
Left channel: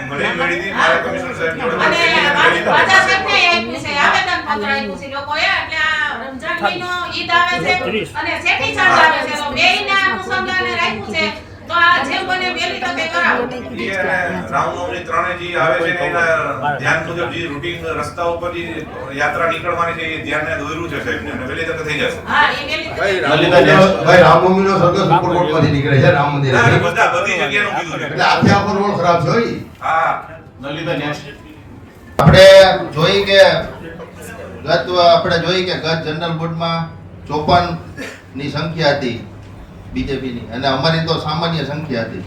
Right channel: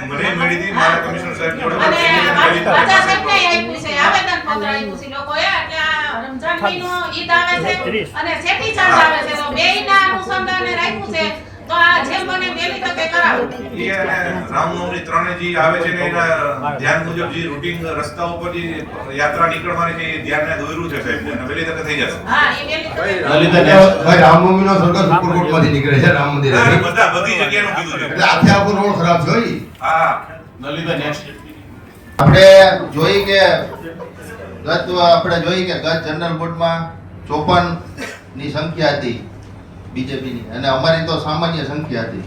મને મળી હતી, મારા કમિશનર સાહેબ જોડે વાત થઈ ગઈ અને હતી. વાજા સાહેબને આપી છે, આવેદન પત્ર આપ્યું છે લોકોએ. એટલે આ રમજાન મહિનો ઈદ આવે છે અને ચેટી ચાંદ આવે છે, તો બેયના અનુસંધાને રાખ્યું છે. તો આ જેમ બને વહેલી તકે કરાવો. રામનવમી 3 જે આવે છે ને એના ધ્યાન મુજબ જે રૂટિન રસ્તા ઉપર જે યાત્રા નીકળવાની છે એ ધ્યાનને દોર્યું છે સાહેબ, અને વહેલી તકે થઈ જશે. હા, એ વહેલી તકે. ભાઈ રામનવમીનો સરઘસ ઉપરકોટમાંથી નીકળે છે રામ મંદિર. બધી જગ્યાનું કીધું છે. એટલે આખે આખો રોડ ખરાબ છે ઈ. હા, લલિતભાઈ નેક્સ્ટ. આપણે જોઈ કે ગત જનરલ બોર્ડમાં 54 ની સંખ્યા હતી બીજેપીની, અને અમારી તો સામાન્ય સંખ્યા હતી.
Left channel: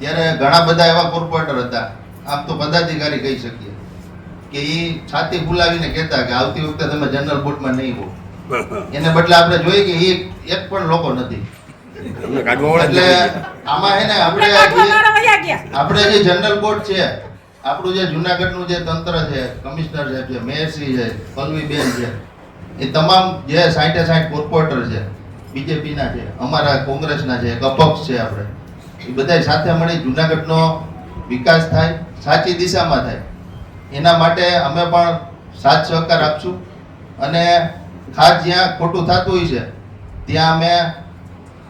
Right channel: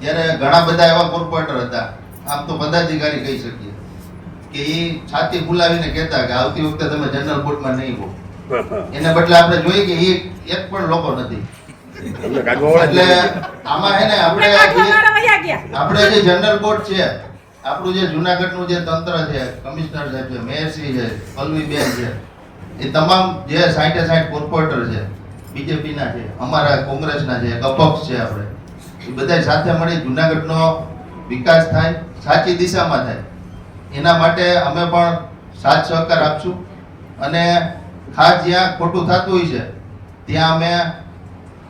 ત્યારે ઘણા બધા એવા કોર્પોરેટર હતા, આમ તો પદાધિકારી કહી શકીએ, કે એ છાતી ફુલાવીને કહેતા કે આવતી વખતે તમે જનરલ બોર્ડમાં નહીં હો. એને બદલે આપણે જોઈએ કે એક પણ લોકો નથી. એટલે આમાં હે ને આપણે જે જનરલ બોર્ડ છે, આપણું જે જુનાગઢનું જે તંત્ર છે, કમિશનર સાહેબ છે, મેયરશ્રી છે, પલ્લવીબેન છે, એ તમામ જે 60 કોર્પોરેટર છે, બીજેપીના છે, અમારા કોંગ્રેસના છે, અપક્ષ છે, આપણે એ બધા સાથે મળી જુનાગઢનો વિકાસ થાય, સાચી દિશામાં થાય, એના માટે અમે પણ સાથ સહકાર આપશું. અને ખાસ જ્યાં ખોટું થતું હોય છે ત્યાં અમે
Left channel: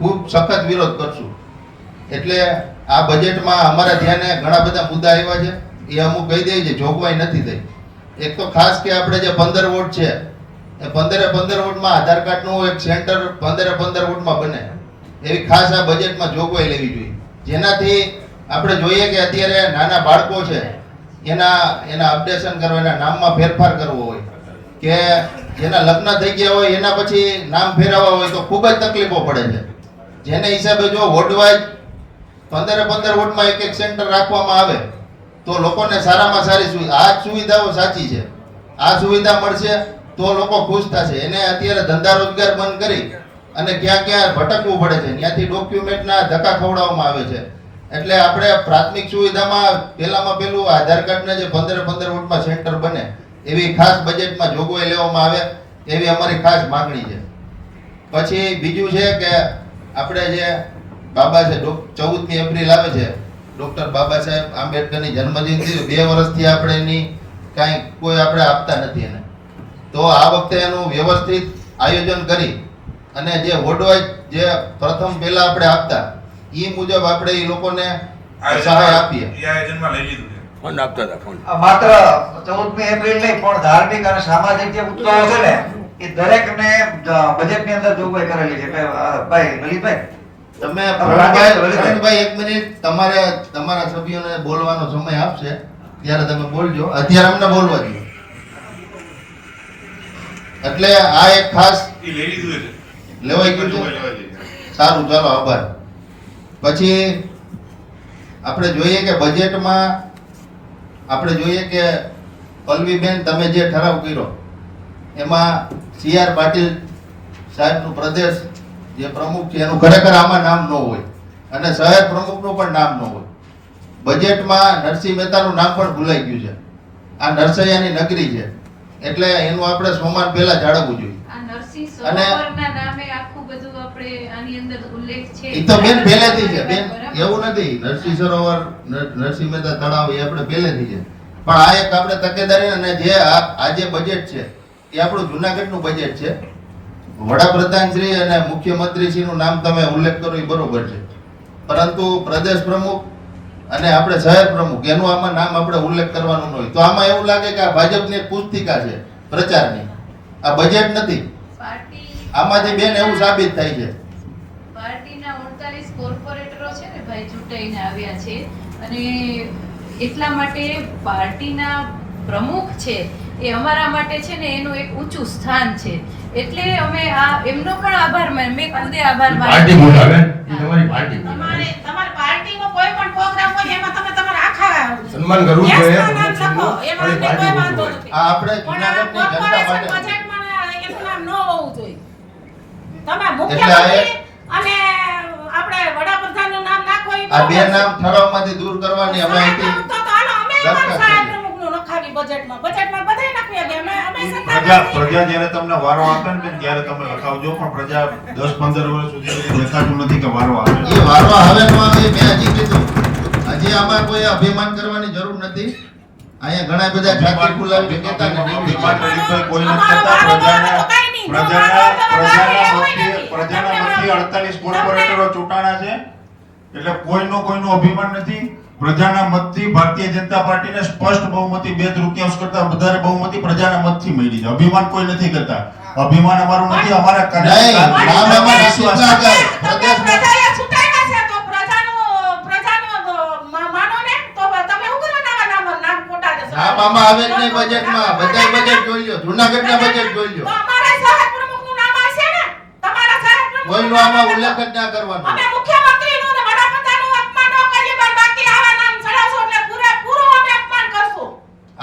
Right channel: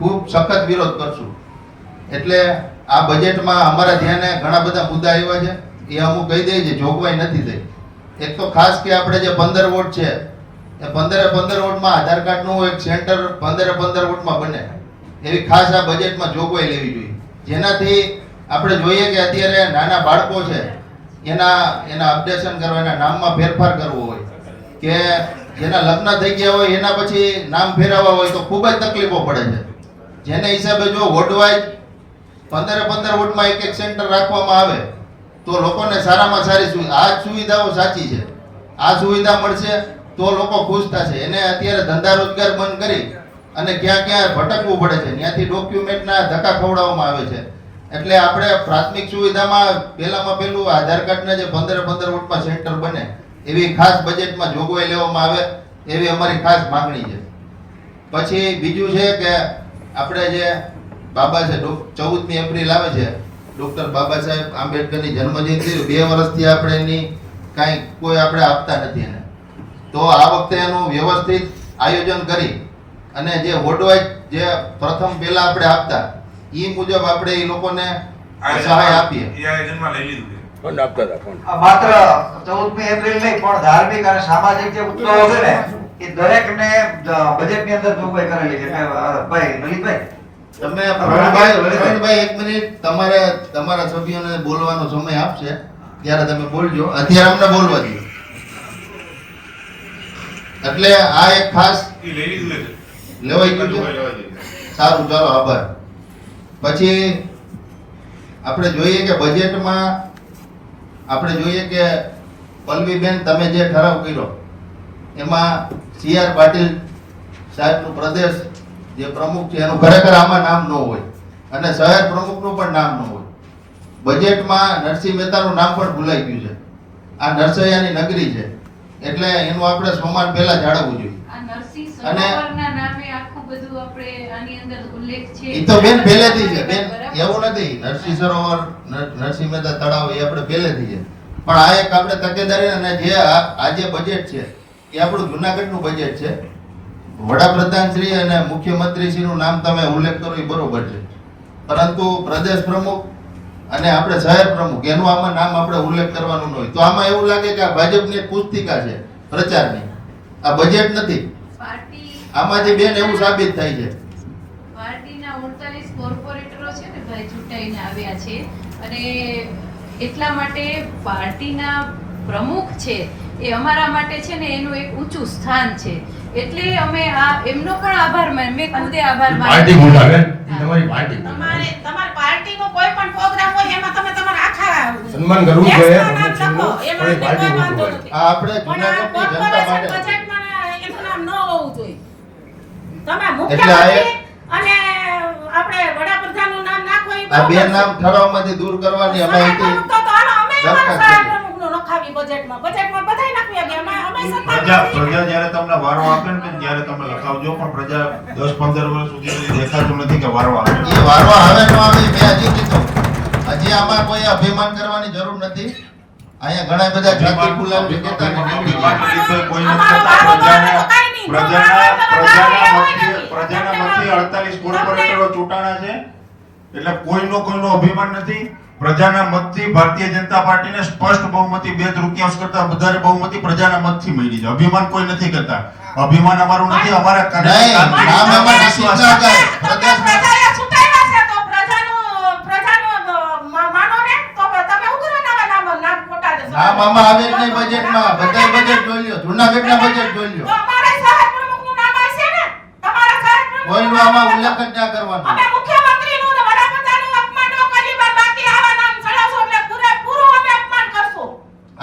ખૂબ સખત વિરોધ કરશું. એટલે આ બજેટમાં અમારા ધ્યાને ઘણા બધા મુદ્દા આવ્યા છે, એ અમુક કહી દઈએ છે, જોગવાઈ નથી થઈ. એક તો ખાસ કે આપણે જે 15 વોટ છે એ 15 વોટમાં આધાર કાર્ડનું એક સેન્ટર 15 વોટમાં બને એવી ખાસ આ બજેટમાં જોગવાઈ લેવી જોઈએ, જેનાથી આપણે જોઈએ કે અત્યારે નાના બાળકો છે એના અપડેશન કરવા, એના નામમાં ફેરફાર કરવો હોય કે જેના લગ્ન થઈ ગયા હોય એના પછી નામ ફેરવવા હોય તો ખૂબ જ તકલીફો પડે છે. જેને હિસાબે જો વોર્ડવાઇઝ 15 વોટમાં એક સેન્ટર રાખવામાં આવે તો લોકોને સારામાં સારી સુવિધા, આ સુવિધાઓ સાચી છે, આ સુવિધા મળશે તો લોકો ખુશ થશે. એને અત્યારે ધંધા રોજગાર બંધ કરી અને ક્યાં ક્યાં ભટકવું પડે છે, ત્યાંથી ડોક્યુમેન્ટના ધક્કા ખવડાવવામાં આવે છે. એટલે આપણે પ્રાથમિક સુવિધામાં પહેલું આધાર કાર્ડના જે 15 વોટમાં સેન્ટર બને એવી ખાસ બજેટમાં જોગવાઈ લેવામાં આવે એવી અમારી ખાસ માંગણી છે. પછી બીજું છે કે આપણે જે બાબા છે 14મી એપ્રિલ આવે છે, ડોક્ટર બાબા સાહેબ આંબેડકરની જન્મજયંતિ, 2 વર્ષથી આપણે એની કાંઈ કોઈ આપણે આપતા નથી એને. તો આ વખતે એનું વ્યવસ્થિત આયોજન કરી અને જે વોર્ડવાઇઝ જે પ્રથમ પહેલા આપણે આપતા એ મુજબ આપણે એ લોકોને સહાય આપીએ. એ આયોજનમાં લઈ લીધું છે. ફંડ આપતા હતા ફંડ. આ માત્ર 14મી એપ્રિલ નહીં પણ ધાર્મિક અને સામાજિક જે ઉત્સવો છે ને એ દરેકને બજેટની અંદર જોગવાઈ કરેલી છે. ભાઈ લલિતભાઈ, તમે પ્રવીણભાઈ 1 મિનિટ, તમારા સભ્યોને બોલવાનો સમય આપશે ત્યારે તમે બોલજો, અત્યારે અમને બોલવા દો. એટલે આ એક ખાસ એ લઈ લીધું છે. લેવાઈ ગયું છે. સારું, ચાલો, આભાર. પછી આપણે જોઈએ કે બજેટમાં આપણે જોઈએ કે પલ્લવીબેન તમે જે ઠરાવ કર્યો એમાં CR પાટીલ સાહેબનું પ્રદેશ જે પ્રમુખ છે એનું ખરેખર આમાં નામ ન હોય અને શહેર પ્રમુખનું પણ નામ ન હોય. બજેટમાં નરસિંહ મહેતાનું નામ પણ ભૂલાઈ ગયું છે. આ નરસૈયાની નગરી છે એટલે એનું આપણે સ્વમાન પહેલા જાળવવું જોઈએ. આ નરસિંહ અને સરોવરના નામે આખું બધું આપણે આની અંદર ઉલ્લેખ છે. એ તો બેન પહેલેથી છે બેન, એવું નથી. નરસિંહ સરોવર, નરસિંહ મહેતા તળાવ એ આપણે પહેલેથી છે, પણ આ એક આપણે તકેદારી અને જે આ જે બજેટ છે એ આપણું જુનાગઢનું બજેટ છે. વડાપ્રધાન શ્રી અને મુખ્યમંત્રી શ્રીનું નામ તમે ઉલ્લેખ કરો એ બરોબર છે, પરંતુ પ્રદેશ પ્રમુખ અને આપણે શહેર પ્રમુખ એનું આમાં નામ આપણે ઉલ્લેખ કરવાનો ન હોય તો આમાં એવું લાગે કે આ ભાજપની એક પુસ્તિકા છે પ્રચારની, આ બજેટ નથી. આમાંથી બેન એવું સાબિત થાય છે. પાર્ટીના 48 કોર્પોરેટરો છે ને ભાઈ ચૂંટાઈને આવ્યા છે અને એટલા માટે પાર્ટીના પ્રમુખ છે એ અમારા માટે છે ને એનું એક ઊંચું સ્થાન છે. એટલે અમે આ એમનો પણ આભાર માન, મેં ખુદે આભાર પાર્ટી માન્યો. બોલાવે તમારી પાર્ટી તમારી પાર્ટીનો કોઈ પણ પ્રોગ્રામ હોય એમાં તમે તમારા આખા સન્માન કરવું છે. દેશના નામ લખો, એમાં અમને કોઈ વાંધો નથી. આ આપણે પણ આ જુનાગઢની જનતા કોર્પોરેશન માટે બજેટમાં એનું નામ ન હોવું જોઈએ. તમે એટલે મુખ્યમંત્રી અને આપણે વડાપ્રધાનનું નામ નાખો એ આ બે બરોબર છે. નામ ઠરાવમાંથી દૂર કરવાની અમે સહાય અહીંથી પ્રમુખ તો હાલો અમે અમારા દરખાસ્ત સહાય કરીએ. પ્રમુખનું લખાવી બજેટમાં બધાય નાખી દે. અમે સત્તા પ્રજા જ્યારે તમને વારો આપે ને બેન, ત્યારે તમે લખાવજો, પણ પ્રજા 10-15 વર્ષ સુધી દેખાતું નથી કે વારો આવે. એ વારો આવે ન આવે મેં હજી કીધું, હજી આમાં કોઈ અભિમાન કરવાની જરૂર નથી. અહીંયા ઘણા બધા જાતિ ગુલામી કહેતા ને અભિમાન લલિતભાઈ કોઈ નથી અમારો કરતા. વારો આવે તો કાંઈ નહીં. પ્રજાના પ્રજાના મતથી 48 કોર્પોરેટરો ચૂંટાણા છે એટલે કોઈનો અભિમાન નથી. પ્રજાના મતથી ભારતીય જનતા પાર્ટીને સ્પષ્ટ બહુમતી 2/3 કરતા વધારે બહુમતી પ્રજાના મતથી મળી છે. અભિમાન કોઈ નથી કરતા. અભિમાન અમારું નથી, અમારા નહીં, નામ એમાં વિશ્વાસ ના કરે. પ્રદેશમાં પ્રજાએ ચૂંટાયા છે તો પ્રજાનું માનો ને તો તમે શું કરવા નામ ખોટા દેશો? નામ આમાં આવે જ નહીં બજેટમાં. બધાય બજેટ જોઈ લ્યો, જુનાગઢના બજેટ જોઈ તો લ્યો. અમારા સહાય પ્રમુખનું નામ આવશે ને? તમારા સહાય પ્રમુખનું કોઈનો આમાં ઉલ્લેખ જ ના કરવાનો. અમે મુખ્યમંત્રીનું ને વડાપ્રધાનનું અપમાન ન કરીએ, પણ બાકી આવા નામ ચડાવશો એટલે પૂરેપૂરું અમે અપમાન કરશું.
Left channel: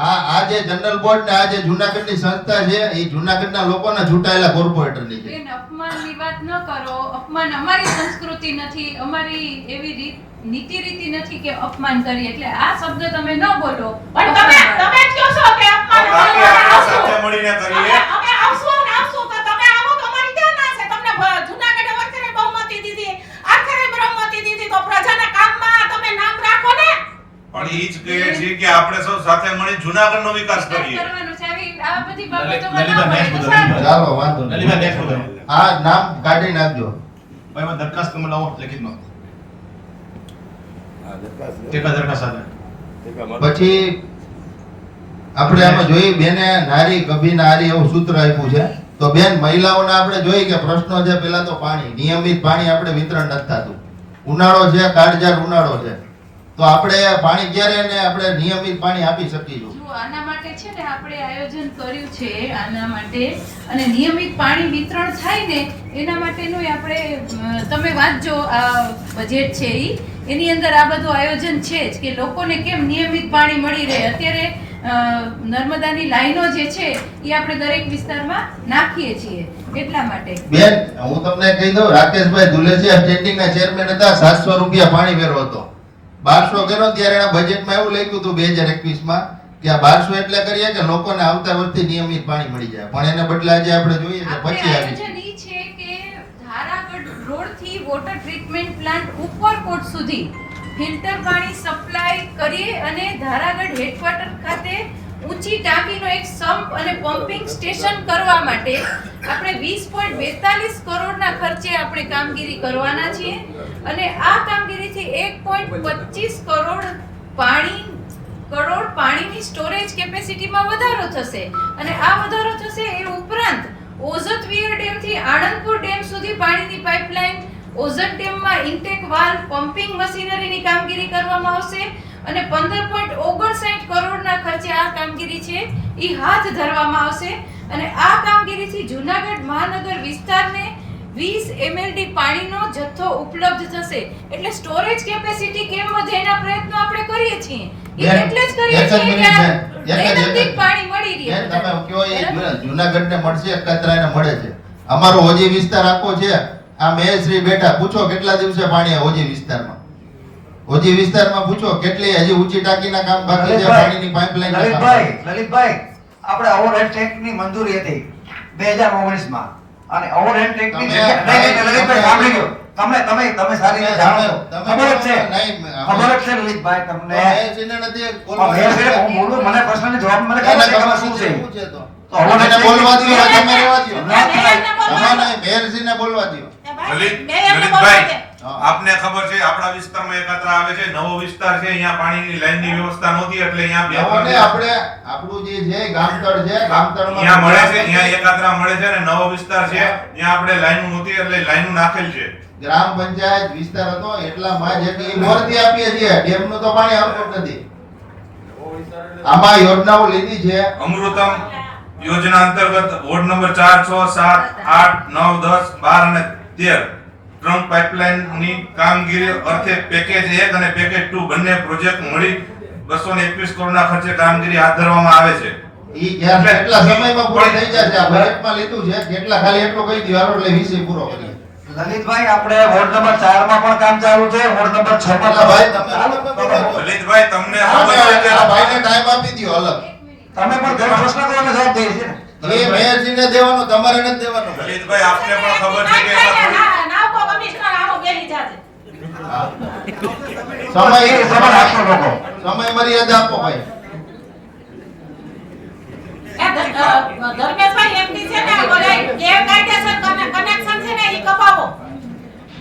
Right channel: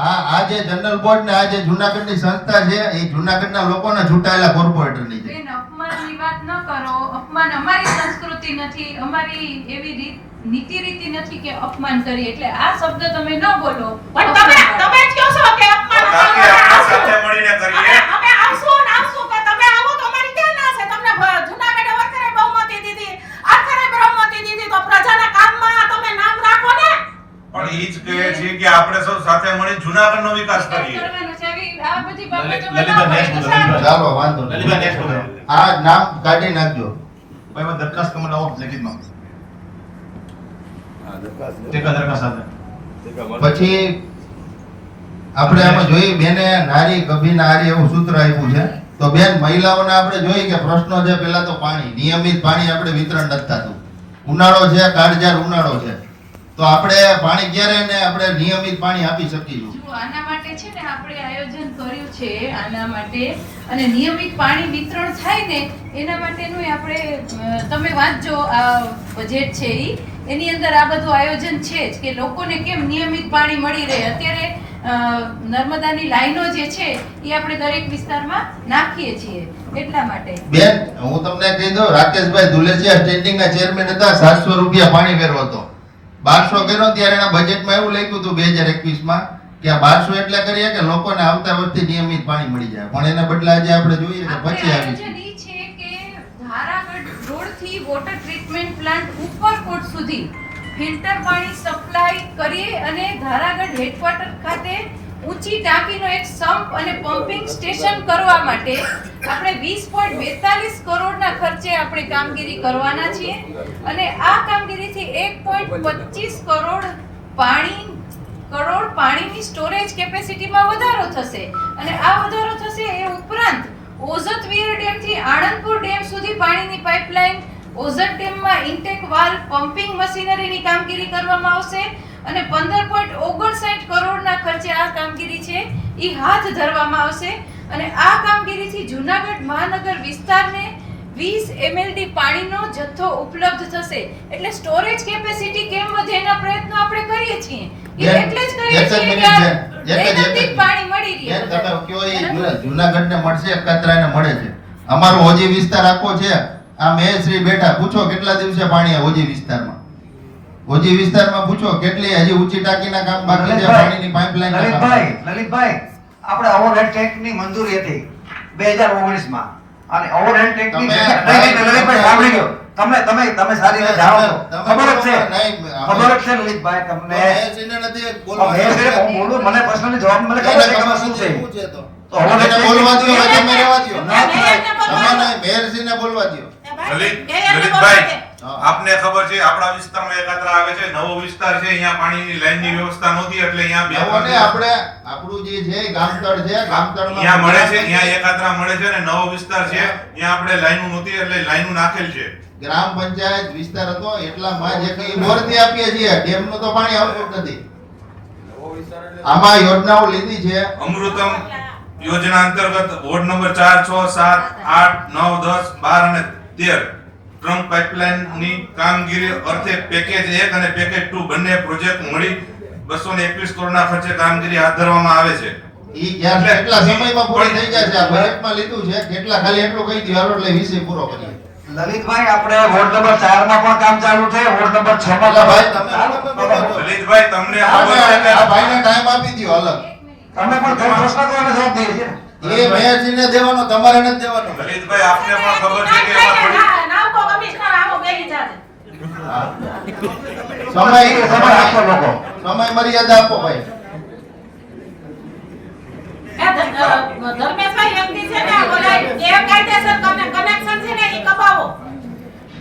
આ જે જનરલ બોર્ડ ને આ જે જુનાગઢની સંસ્થા છે એ જુનાગઢના લોકોના ચૂંટાયેલા કોર્પોરેટરની છે. બેન, અપમાનની વાત ન કરો. અપમાન અમારી સંસ્કૃતિ નથી, અમારી એવી નીતિ રીતિ નથી કે અપમાન કરીએ. એટલે આ શબ્દ તમે ન બોલો. પણ તમે કહો છો કે અપમાન બાકી આપણે સાથે મળીને કરીએ. અમે આવશું તો તમે આવો તો અમારી ક્યાં ના છે? તમને જૂનાગઢે વખરે બહુમતી દીધી, આખરે બહુમતી દીધી, તો પ્રજાના કામમાં તમે નામ રાખો ને. પણ ઈ જ કહે છે કે આપણે સૌ સાથે મળી જુનાગઢનો વિકાસ કરીએ. કરવાનું છે. આ બધી બાબતો લલિતા, next મુદ્દો, લલિતા. ચાલો વાંધો નહીં. લલિતભાઈ next મુદ્દો. આ નામ કાઢી નાખજો. ભાઈ એમાં દરખાસ્ત તમે લાવો લેખિતમાં ટેકા દરખાસ્ત સાથે પછી આપણે આમાં જોઈએ બેને નારી કભી નારી એવું સૂત્ર આપ્યું છે. તો બેન મહિલાઓને આપણે જોઈએ કે પ્રશ્નો છે પહેલા તો પાણી, નિયમિત પાણી આપણે વિતરણ નથી થતું. ઉનાળો છે, કાળઝાળ ઉનાળો છે, તો આપણે પાણી ક્યારે ને આપણે નિયમિત પાણી આપી શકીશું? જો આના માટે છે ને આપણે આયોજન કર્યું છે આના માટે, અને નિયમિત પાણી વિતરણ થાય ને એના માટેનું આપણે તમે વાંચજો આ બજેટ છે એની અંદર આ બધું આયોજન છે જ કે લોકોને કેમ નિયમિત પાણી મળી રહે. અત્યારે નર્મદાની લાઈનો જે છે એ આપણે દરેક વિસ્તારમાં નાખીએ છીએ એટલા માટે. બેન હું તમને કહી દઉં, રાકેશભાઈ ધુલેસિયા સ્ટેન્ડિંગ ચેરમેન હતા, 700 રૂપિયા પાણી વેરો હતો. 1200 કર્યો ત્યારે એના બજેટમાં એવું લખ્યું હતું 2021માં કે આ 1200 એટલે કરીએ કે લોકોને આવતા વર્ષથી નિયમિત પાણી મળી જાય, પણ એને બદલે આજે આપણે જોઈએ કે પછી આવી આયોજન ઈ છે કે ધારાગઢ રોડથી વોટર ટ્રીટમેન્ટ પ્લાન્ટ ઉપરકોટ સુધી ફિલ્ટર પાણી સપ્લાય કરી અને ધારાગઢ હેડક્વાર્ટર ખાતે ઊંચી ટાંકીનો એક સમ્પ અને પમ્પિંગ સ્ટેશન કરવા માટે આપણે 20.42 કરોડના ખર્ચે આપણે કામગીરી કરવાના છીએ. અને આ કામગીરીથી 1.25 કરોડ પાણીની સ્ટોરેજ કેપેસિટીમાં વધારો થશે. અને આ વધારો થશે એ ઉપરાંત ઓઝતવીર ડેમથી આણંદપુર ડેમ સુધી પાણીની પાઇપલાઇન, ઓઝત ડેમમાં ઇન્ટેક વાલ્વ, પમ્પિંગ મશીનરીની કામગીરી કરવામાં આવશે અને 15.59 કરોડના ખર્ચે આ કામગીરી છે એ હાથ ધરવામાં આવશે. અને આ કામગીરીથી જૂનાગઢ મહાનગર વિસ્તારને 20 MLD પાણીનો જથ્થો ઉપલબ્ધ થશે. એટલે સ્ટોરેજ કેપેસિટી કેમ વધે એના પ્રયત્નો આપણે કરીએ છીએ. એ એટલે જ કરીએ છીએ કે દૈનંદિન પાણી મળી રહે. તમે કયો એ જૂનાગઢને મળશે, કતરાને મળે છે. અમારો ઓજી વિસ્તાર આખો છે, આ મેયરશ્રી બેઠા, પૂછો કેટલા દિવસે પાણી આ ઓજી વિસ્તારમાં? ઓજી વિસ્તારમાં પૂછો કેટલી હજી ઊંચી ટાંકીના કામ બાકી છે, પાણીની પાઇપલાઇન. લલિતભાઈ આપણે ઓવરહેડ ટેન્કની મંજૂરી હતી 2019માં અને ઓવરહેડ ટેન્કની લલિતભાઈ સાંભળી ગયો તમે સારી રીતે જાણો છો, ખબર જ છે લલિતભાઈ તમને. હું બોલું, મને પ્રશ્નની જવાબ મને ખબર છે કે શું છે. તો બોલવા દો, તમે રહેવા દો. મેયરશ્રીને બોલવા દો. લલિતભાઈ આપને ખબર છે આપણા વિસ્તારમાં એકાત્રા આવે છે, નવો વિસ્તાર છે, અહીંયા પાણીની લાઈનની વ્યવસ્થા નહોતી એટલે અહીંયા આપણે આપણું જે છે ગામતળ છે, ગામતળમાં અહીંયા મળે છે, અહીંયા એકાત્રા મળે છે અને નવો વિસ્તાર છે ત્યાં આપણે લાઈનો નહોતી એટલે લાઈનો નાખેલ છે. ગ્રામ પંચાયત વિસ્તાર હતો એટલામાં જે કે બોરથી આપીએ છીએ, ડેમનું તો પાણી આવતું જ નથી. આમાં યોજનાઓ લીધી છે અમૃતમ યોજના અંતર્ગત વોર્ડ નંબર 4, 6, 7, 8, 9, 10, 12 અને 13 ટ્રંક પાઇપલાઇનની કામગીરી અર્થે પેકેજ 1 અને પેકેજ 2 બંને પ્રોજેક્ટ મળી 221 કરોડના ખર્ચે કામગીરી હાથ ધરવામાં આવે છે. ઈ કેટલા સમયમાં પૂરી થઈ જશે? આ બજેટમાં લીધું છે કેટલા, ખાલી એટલું કહી દો હાલો એટલે વિષય પૂરો કરીએ. લલિતભાઈ આપણે વોર્ડ નંબર 4 માં પણ કામ ચાલુ છે, વોર્ડ નંબર 6 માં ભાઈ તમે લલિતભાઈ તમને ખબર છે કે આ ભાઈને ટાઈમ આપી દો અલગ. તમે પણ ઘણો પ્રશ્ન કરવાનો જવાબ દે છે. એ મેયરજીને દેવાનો, તમારે નથી દેવાનો. લલિતભાઈ આપને પણ ખબર છે કે એમાં થોડી સમય આપો લોકો, સમય મર્યાદા આપો ભાઈ. ધર્મેશભાઈ એમની છે ને બોલે ગેરકાયદેસર કનેક્શન છે ને ઈ કપાવો.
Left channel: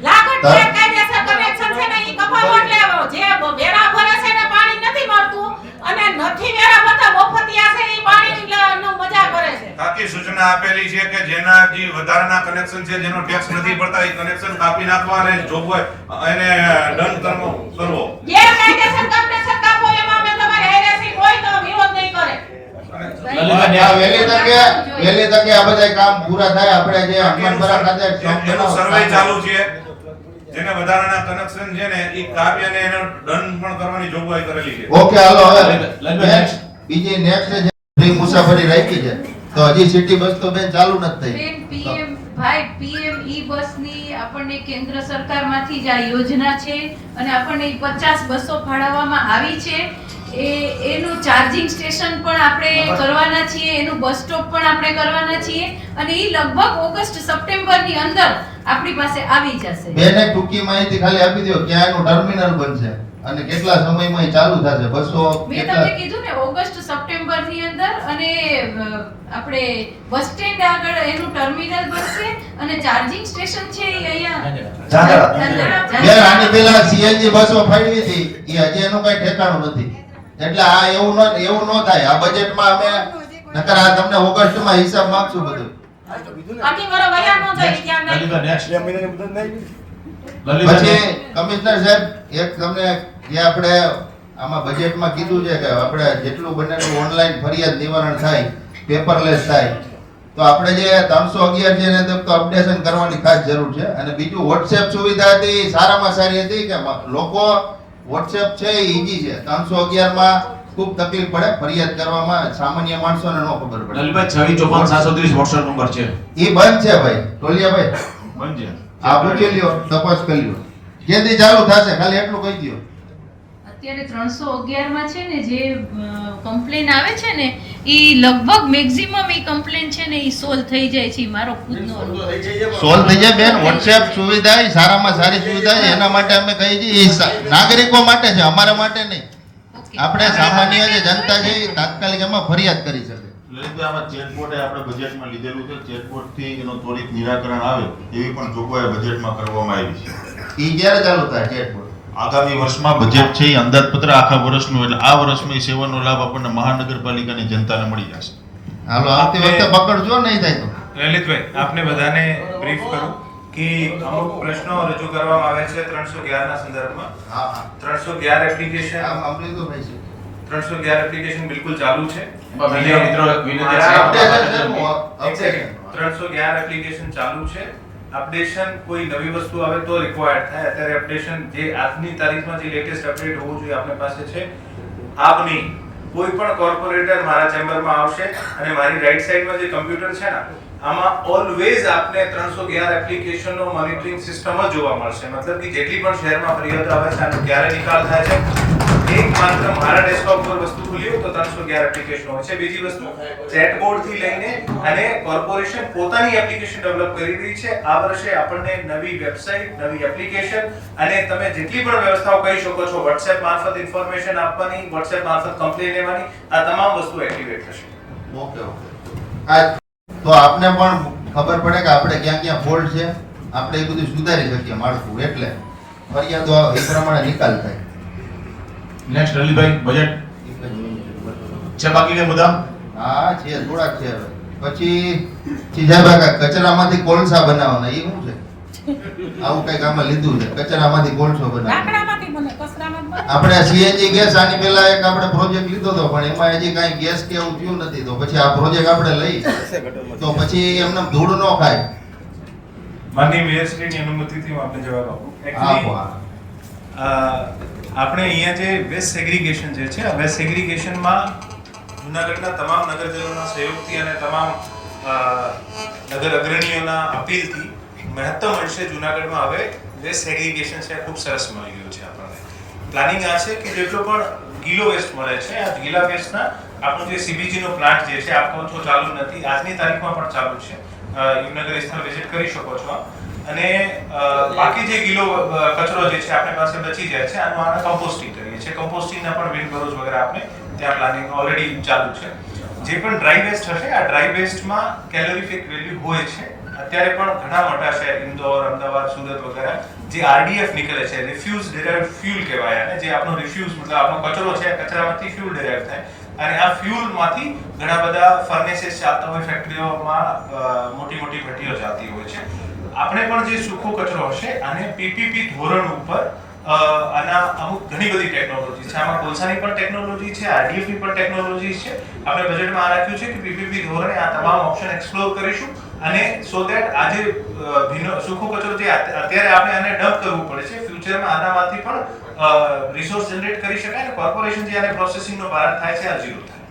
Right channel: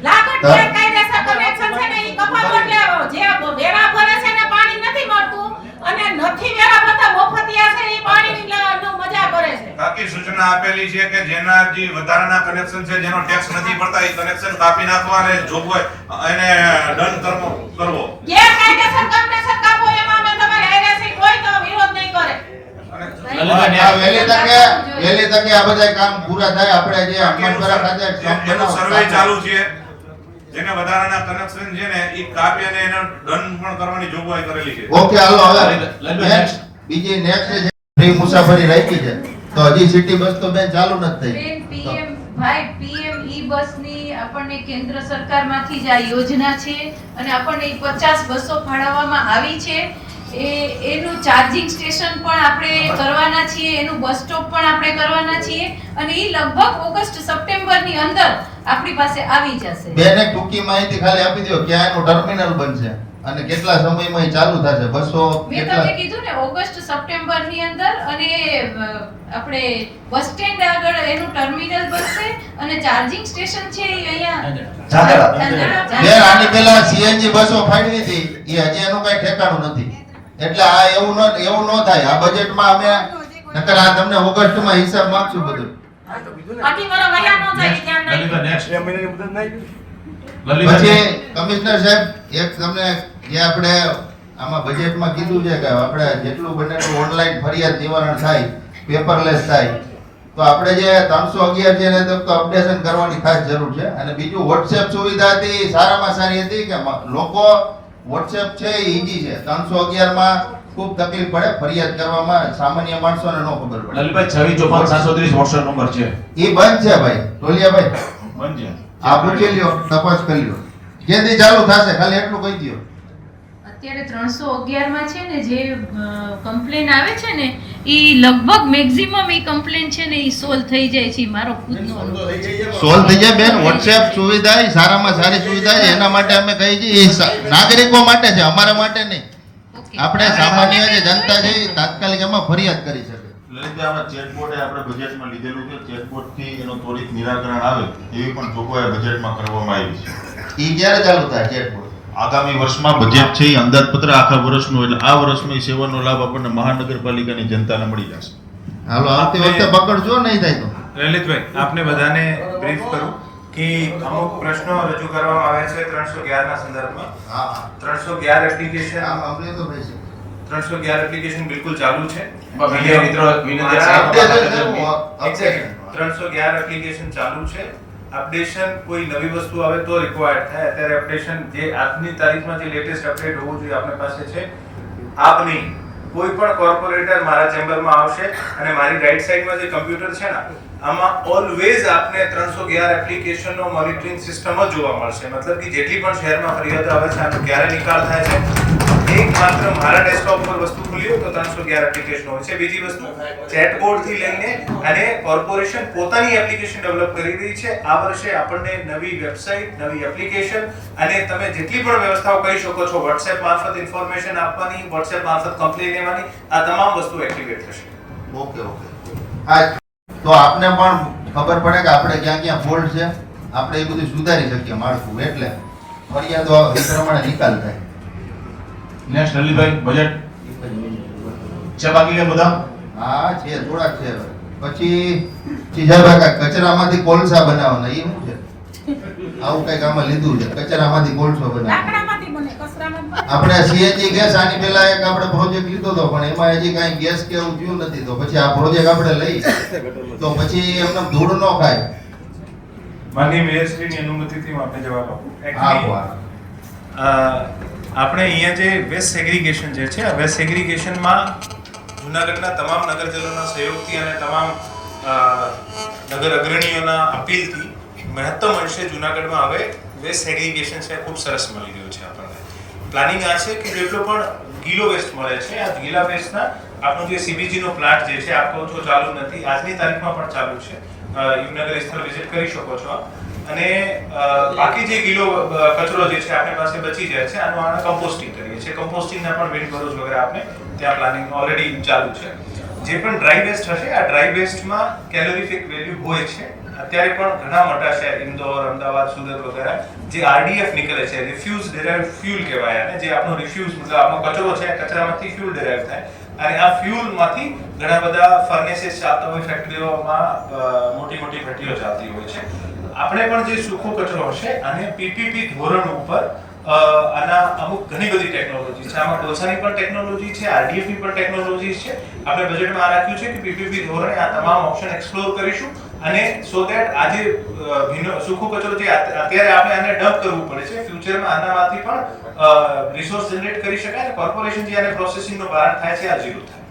લાગત ગેરકાયદેસર કનેક્શન છે ને ઈ કપાવો એટલે જે વેરા ભરે છે ને પાણી નથી મળતું અને નથી વેરા ભરતા મફતિયા છે ઈ પાણીનો મજા કરે છે. કાકી સૂચના આપેલી છે કે જેના જે વધારાના કનેક્શન છે જેનો ટેક્સ નથી ભરતા એ કનેક્શન કાપી નાખવા અને જોગવાઈ એને દંડ કરવો. ગેરકાયદેસર કનેક્શન કાપો એમાં અમે તમારે એનએસસી કોઈ તો વિરોધ નહીં કરે. વહેલી તકે આ બધા કામ પૂરા થાય. આપણે જે હનુમાનપરા ખાતે એનું સર્વે ચાલુ છે, જેને વધારાના કનેક્શન છે ને એ કાપ્યા ને એનો દંડ પણ કરવાની જોગવાઈ કરેલી છે. ઓકે હાલો હવે બીજી નેક્સ્ટ છે ફ્રી મુસાફરી રાખી છે તો હજી સિટી બસ તો બેન ચાલુ નથી થઈ. પીએમ ઈ બસની આપણને કેન્દ્ર સરકારમાંથી જ આ યોજના છે અને આપણને 50 બસો ફાળવવામાં આવી છે. એનું ચાર્જિંગ સ્ટેશન પણ આપણે કરવાના છીએ, એનું બસ સ્ટોપ પણ આપણે કરવાના છીએ અને એ લગભગ ઓગસ્ટ સપ્ટેમ્બરની અંદર આપણી પાસે આવી જશે. બેને ટૂંકી માહિતી ખાલી આપી દો ક્યાં એનું ટર્મિનલ બનશે અને કેટલા સમયમાં એ ચાલુ થશે? બસો મેં તમને કીધું ને ઓગસ્ટ સપ્ટેમ્બરની અંદર. અને આપણે બસ સ્ટેન્ડ આગળ એનું ટર્મિનલ બનશે અને ચાર્જિંગ સ્ટેશન છે એ અહીંયા ઝાંઝરા. બેન આની પહેલા સીએનજી બસો ફાળવી હતી એ હજી એનું કઈ ઠેકાણું નથી. એટલે આ એવું ન થાય. આ બજેટમાં અમે નકર આ તમને ઓગસ્ટમાં હિસાબ માંગશું બધું. અઢી વર્ષ વયા ન જાય ત્યાં નહીં. નેક્સ્ટ પછી કમિશનર સાહેબ એક તમને જે આપણે આમાં બજેટમાં કીધું છે કે આપણે જેટલું બને એટલું ઓનલાઈન ફરિયાદ નિવારણ થાય, પેપરલેસ થાય, તો આપણે જે 311 છે એને તો અપડેશન કરવાની ખાસ જરૂર છે. અને બીજું વોટ્સએપ સુવિધા હતી સારામાં સારી હતી કે લોકો વોટ્સએપ છે એ ઈઝી છે. 311 માં ખૂબ તકલીફ પડે ફરિયાદ કરવામાં, સામાન્ય માણસોને ન ખબર પડે. લલિતભાઈ 2654 વોટ્સએપ નંબર છે એ બંધ છે ભાઈ ટોલિયાભાઈ. બંધ છે. આ પૂછી લ્યો, તપાસ કરી લ્યો કેદી ચાલુ થશે ખાલી એટલું કહી દો. અત્યારે 311 માં છે ને જે કમ્પ્લેન આવે છે ને એ લગભગ મેક્સિમમ એ કમ્પ્લેન છે ને એ સોલ્વ થઈ જાય છે. મારો ખુદનો અનુભવ છે. સોલ્વ થઈ જાય બેન. વોટ્સએપ સુવિધા એ સારામાં સારી સુવિધા છે. એના માટે અમે કહીએ છીએ એ નાગરિકો માટે છે, અમારા માટે નહીં. ઓકે. આપણે સામાન્ય જે જનતા છે એ તાત્કાલિક એમાં ફરિયાદ કરી શકે. લલિતભાઈ, આમાં ચેટબોર્ડ આપણે બજેટમાં લીધેલું છે. ચેટબોર્ડથી એનું ત્વરિત નિરાકરણ આવે એવી પણ જોગવાઈ બજેટમાં કરવામાં આવી છે. એ ક્યારે ચાલુ થાય ચેટબોર્ડ? આગામી વર્ષમાં બજેટ છે એ અંદાજપત્ર આખા વર્ષનું, એટલે આ વર્ષમાં એ સેવાનો લાભ આપણને મહાનગરપાલિકાની જનતાને મળી જશે. હાલો આવતી વખતે પકડજો નહીં થાય તો. લલિતભાઈ, આપને બધાને બ્રીફ કરું કે અમુક પ્રશ્નો રજૂ કરવામાં આવ્યા છે 311 ના સંદર્ભમાં. હા હા 311 એપ્લિકેશન આમ અમૃતભાઈ છે. 311 એપ્લિકેશન બિલકુલ ચાલુ છે. મીડિયા મિત્રો વિનંતી છે. એક સેકન્ડ. 311 એપ્લિકેશન ચાલુ છે. અપડેશન કોઈ નવી વસ્તુ આવે તો રિક્વાયર્ડ થાય. અત્યારે અપડેશન જે આજની તારીખમાં જે લેટેસ્ટ અપડેટ હોવું જોઈએ આપણી પાસે છે. આપની કોઈ પણ કોર્પોરેટર મારા ચેમ્બરમાં આવશે અને મારી રાઈટ સાઈડમાં જે કમ્પ્યુટર છે ને આમાં ઓલવેઝ આપને 311 એપ્લિકેશનનો મોનિટરિંગ સિસ્ટમ જ જોવા મળશે. મતલબ કે જેટલી પણ શહેરમાં ફરિયાદો આવે છે આનો ક્યારે નિકાલ થાય છે, એક માત્ર મારા ડેસ્કટોપ પર વસ્તુ ખુલી હોય તો 311 એપ્લિકેશન હોય છે. બીજી વસ્તુ ચેટબોર્ડ થી લઈને અને કોર્પોરેશન પોતાની એપ્લિકેશન ડેવલપ કરી રહી છે. આ વર્ષે આપણને નવી વેબસાઇટ, નવી એપ્લિકેશન અને તમે જેટલી પણ વ્યવસ્થાઓ કહી શકો છો WhatsApp મારફત ઇન્ફોર્મેશન આપવાની, WhatsApp મારફત કમ્પ્લેન લેવાની, આ તમામ વસ્તુ એક્ટિવેટ થશે. Okay okay. આ તો આપને પણ ખબર પડે કે આપણે ક્યાં ક્યાં ફોલ્ટ છે, આપણે એ બધું સુધારી શકીએ માળખું, એટલે ફરિયાદો એ પ્રમાણે નિકાલ થાય. નેક્સ્ટ લલિતભાઈ, બજેટ છે બાકી કે બધા? હા છે, થોડાક છે. પછી ચીજાભાઈ કચરામાંથી કોલસા બનાવવાના, એ શું છે? આવું કઈક આમાં લીધું છે, કચરામાંથી કોલસો બનાવવાનો. લાકડામાંથી બને, કચરામાં બને. આપણે સીએનજી ગેસ આની પહેલા એક આપણે પ્રોજેક્ટ લીધો હતો પણ એમાં હજી કાંઈ ગેસ કે એવું થયું નથી. તો પછી આ પ્રોજેક્ટ આપણે લઈ તો પછી એમને ધૂળ ન ખાય. માનનીય મેયરશ્રીની અનુમતિથી હું આપને જવાબ આપું. આપો આપણે અહીંયા જે વેસ્ટ સેગ્રીગેશન જે છે, વેસ્ટ સેગ્રીગેશનમાં જૂનાગઢના તમામ નગરજનોના સહયોગથી અને તમામ નગર અગ્રણીઓના અપીલથી મહત્તમ અંશે જૂનાગઢમાં હવે વેસ્ટ સેગ્રીગેશન છે ખૂબ સરસ મળી ગયું છે. આપણને પ્લાનિંગ આ છે કે જેટલો પણ ગીલો વેસ્ટ મળે છે આ ગીલા વેસ્ટના આપણું જે સીબીજી નો પ્લાન્ટ જે છે આપ કહો છો ચાલુ નથી, આજની તારીખમાં પણ ચાલુ છે. યુવનગર સ્થળ વિઝિટ કરી શકો છો. અને બાકી જે ગીલો કચરો જે છે આપણી પાસે બચી જાય છે આને કમ્પોસ્ટિંગ કરીએ છીએ. કમ્પોસ્ટિંગના પણ વિન્ડ બરોજ વગેરે આપણે ત્યાં પ્લાનિંગ ઓલરેડી ચાલુ છે. જે પણ ડ્રાય વેસ્ટ હશે આ ડ્રાય વેસ્ટમાં કેલોરીફિક વેલ્યુ હોય છે. અત્યારે પણ ઘણા મોટા શહેર ઇન્દોર, અમદાવાદ, સુરત વગેરે જે આરડીએફ નીકળે છે, રિફ્યુઝ ડેરાઇવ્ડ ફ્યુલ કહેવાય આને. જે આપણો રિફ્યુઝ મતલબ આપણો કચરો છે આ કચરામાંથી ફ્યુલ ડેરાઇવ થાય અને આ ફ્યુલમાંથી ઘણા બધા ફર્નેસીસ ચાલતા હોય, ફેક્ટરીઓમાં મોટી મોટી ભઠ્ઠીઓ ચાલતી હોય છે. આપણે પણ જે સૂકો કચરો હશે આને પીપીપી ધોરણ ઉપર આના અમુક ઘણી બધી ટેકનોલોજી છે. આમાં કોલસાની પણ ટેકનોલોજી છે, આરડીએફની પણ ટેકનોલોજી છે. આપણે બજેટમાં આ રાખ્યું છે કે પીપીપી ધોરણે આ તમામ ઓપ્શન એક્સપ્લોર કરીશું અને સો ધેટ આજે સૂકો કચરો જે અત્યારે આપણે આને ડમ્પ કરવું પડે છે, ફ્યુચરમાં આનામાંથી પણ રિસોર્સ જનરેટ કરી શકાય અને કોર્પોરેશન જે આને પ્રોસેસિંગનો ભાર થાય છે આ ઝીરો થાય.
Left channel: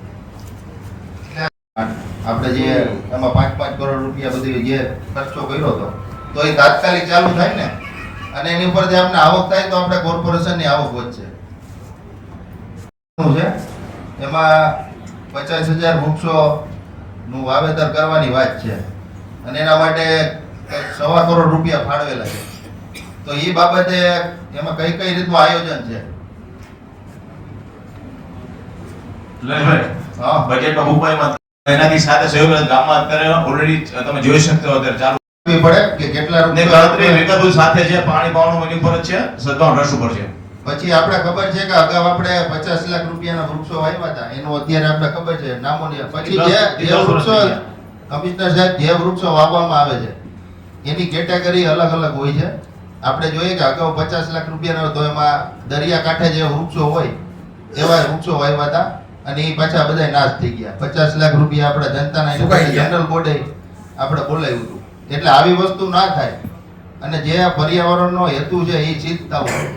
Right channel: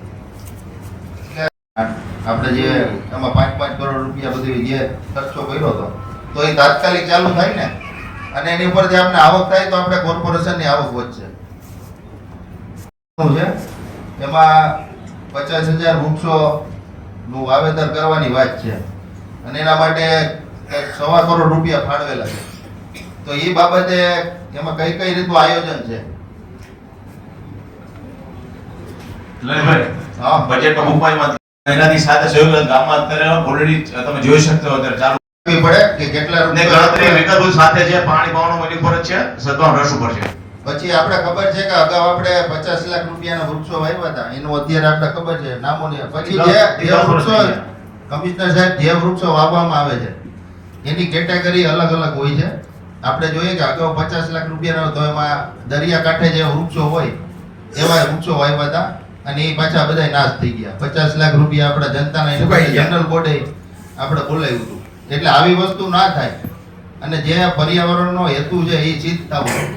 આપણે જે એમાં 5-5 કરોડ રૂપિયા બધી જે ખર્ચો કર્યો હતો તો એ તાત્કાલિક ચાલુ થાય ને, અને એની ઉપર જે આપણે આવક થાય તો આપણે કોર્પોરેશનની આવક વધશે. શું છે એમાં 50,000 વૃક્ષોનું વાવેતર કરવાની વાત છે અને એના માટે 1.25 કરોડ રૂપિયા ફાળવેલા છે. તો એ બાબતે એમાં કઈ કઈ રીતનું આયોજન છે? લલિતભાઈ, હા બજેટમાં મુંબઈમાં એનાથી સાથે સહયોગ ગામમાં અત્યારે ઓલરેડી તમે જોઈ શકતા હો અત્યારે ચાલુ પડે કે કેટલા ને રૂપિયા ગણતરી વિગતો સાથે છે, પાણી પાવાનું એની ઉપર જ છે, સદભાવ રસ ઉપર છે. પછી આપણે ખબર છે કે અગાઉ આપણે 50 લાખ રૂપિયાના વૃક્ષો વાવ્યા હતા, એનું અત્યારે આપણે ખબર છે નામો નહીં. પછી જે વૃક્ષો કમિશનર સાહેબ જે વૃક્ષો વાવવામાં આવે છે એની કેટેગરી અલગ અલગ હોય છે. આપણે જોઈએ કે અગાઉ 50 લાખ રૂપિયાના તો એમાં દરિયાકાંઠે જે વૃક્ષો હોય એવા વૃક્ષો વાવ્યા હતા અને એ પાછા બધા નાશ થઈ ગયા. 50 લાખ રૂપિયા આપણા જનતાના જનરલ બોર્ડે આપણે બોલાવ્યું હતું. એટલે આવી વસ્તુ ના થાય અને જે પર્યાવરણનો હેતુ છે એ ચિંતા હોય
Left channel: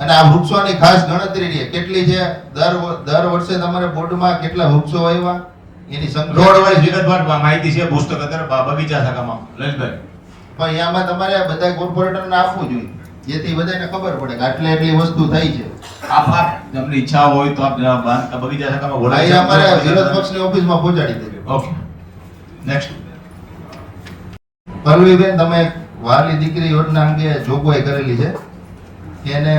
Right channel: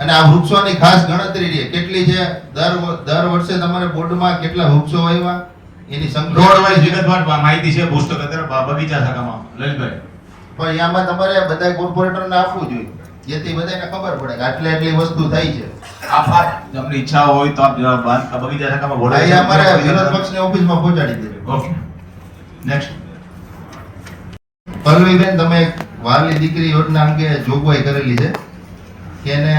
અને આ વૃક્ષોની ખાસ ગણતરી છે કેટલી છે. દર વર્ષે તમારે બોર્ડમાં કેટલા વૃક્ષો વાવ્યા એની સંખ્યા રોડ વાઇઝ વિગતવાર માહિતી છે પુસ્તક અત્યારે બગીચા શાખામાં લલિતભાઈ. પણ એમાં તમારે બધા કોર્પોરેટરને આપવું જોઈએ જેથી બધાને ખબર પડે કે આટલી વસ્તુ થઈ છે. આપ તમને ઈચ્છા હોય તો આપ બગીચા શાખામાં બોલાવી અહીંયા અમારે વિરોધ પક્ષની ઓફિસમાં પહોંચાડી દેજો. Okay next. પલ્લવીબેન, તમે એક વાલી દીકરી યોજના અંગે જોગવાઈ કરેલી છે કે એને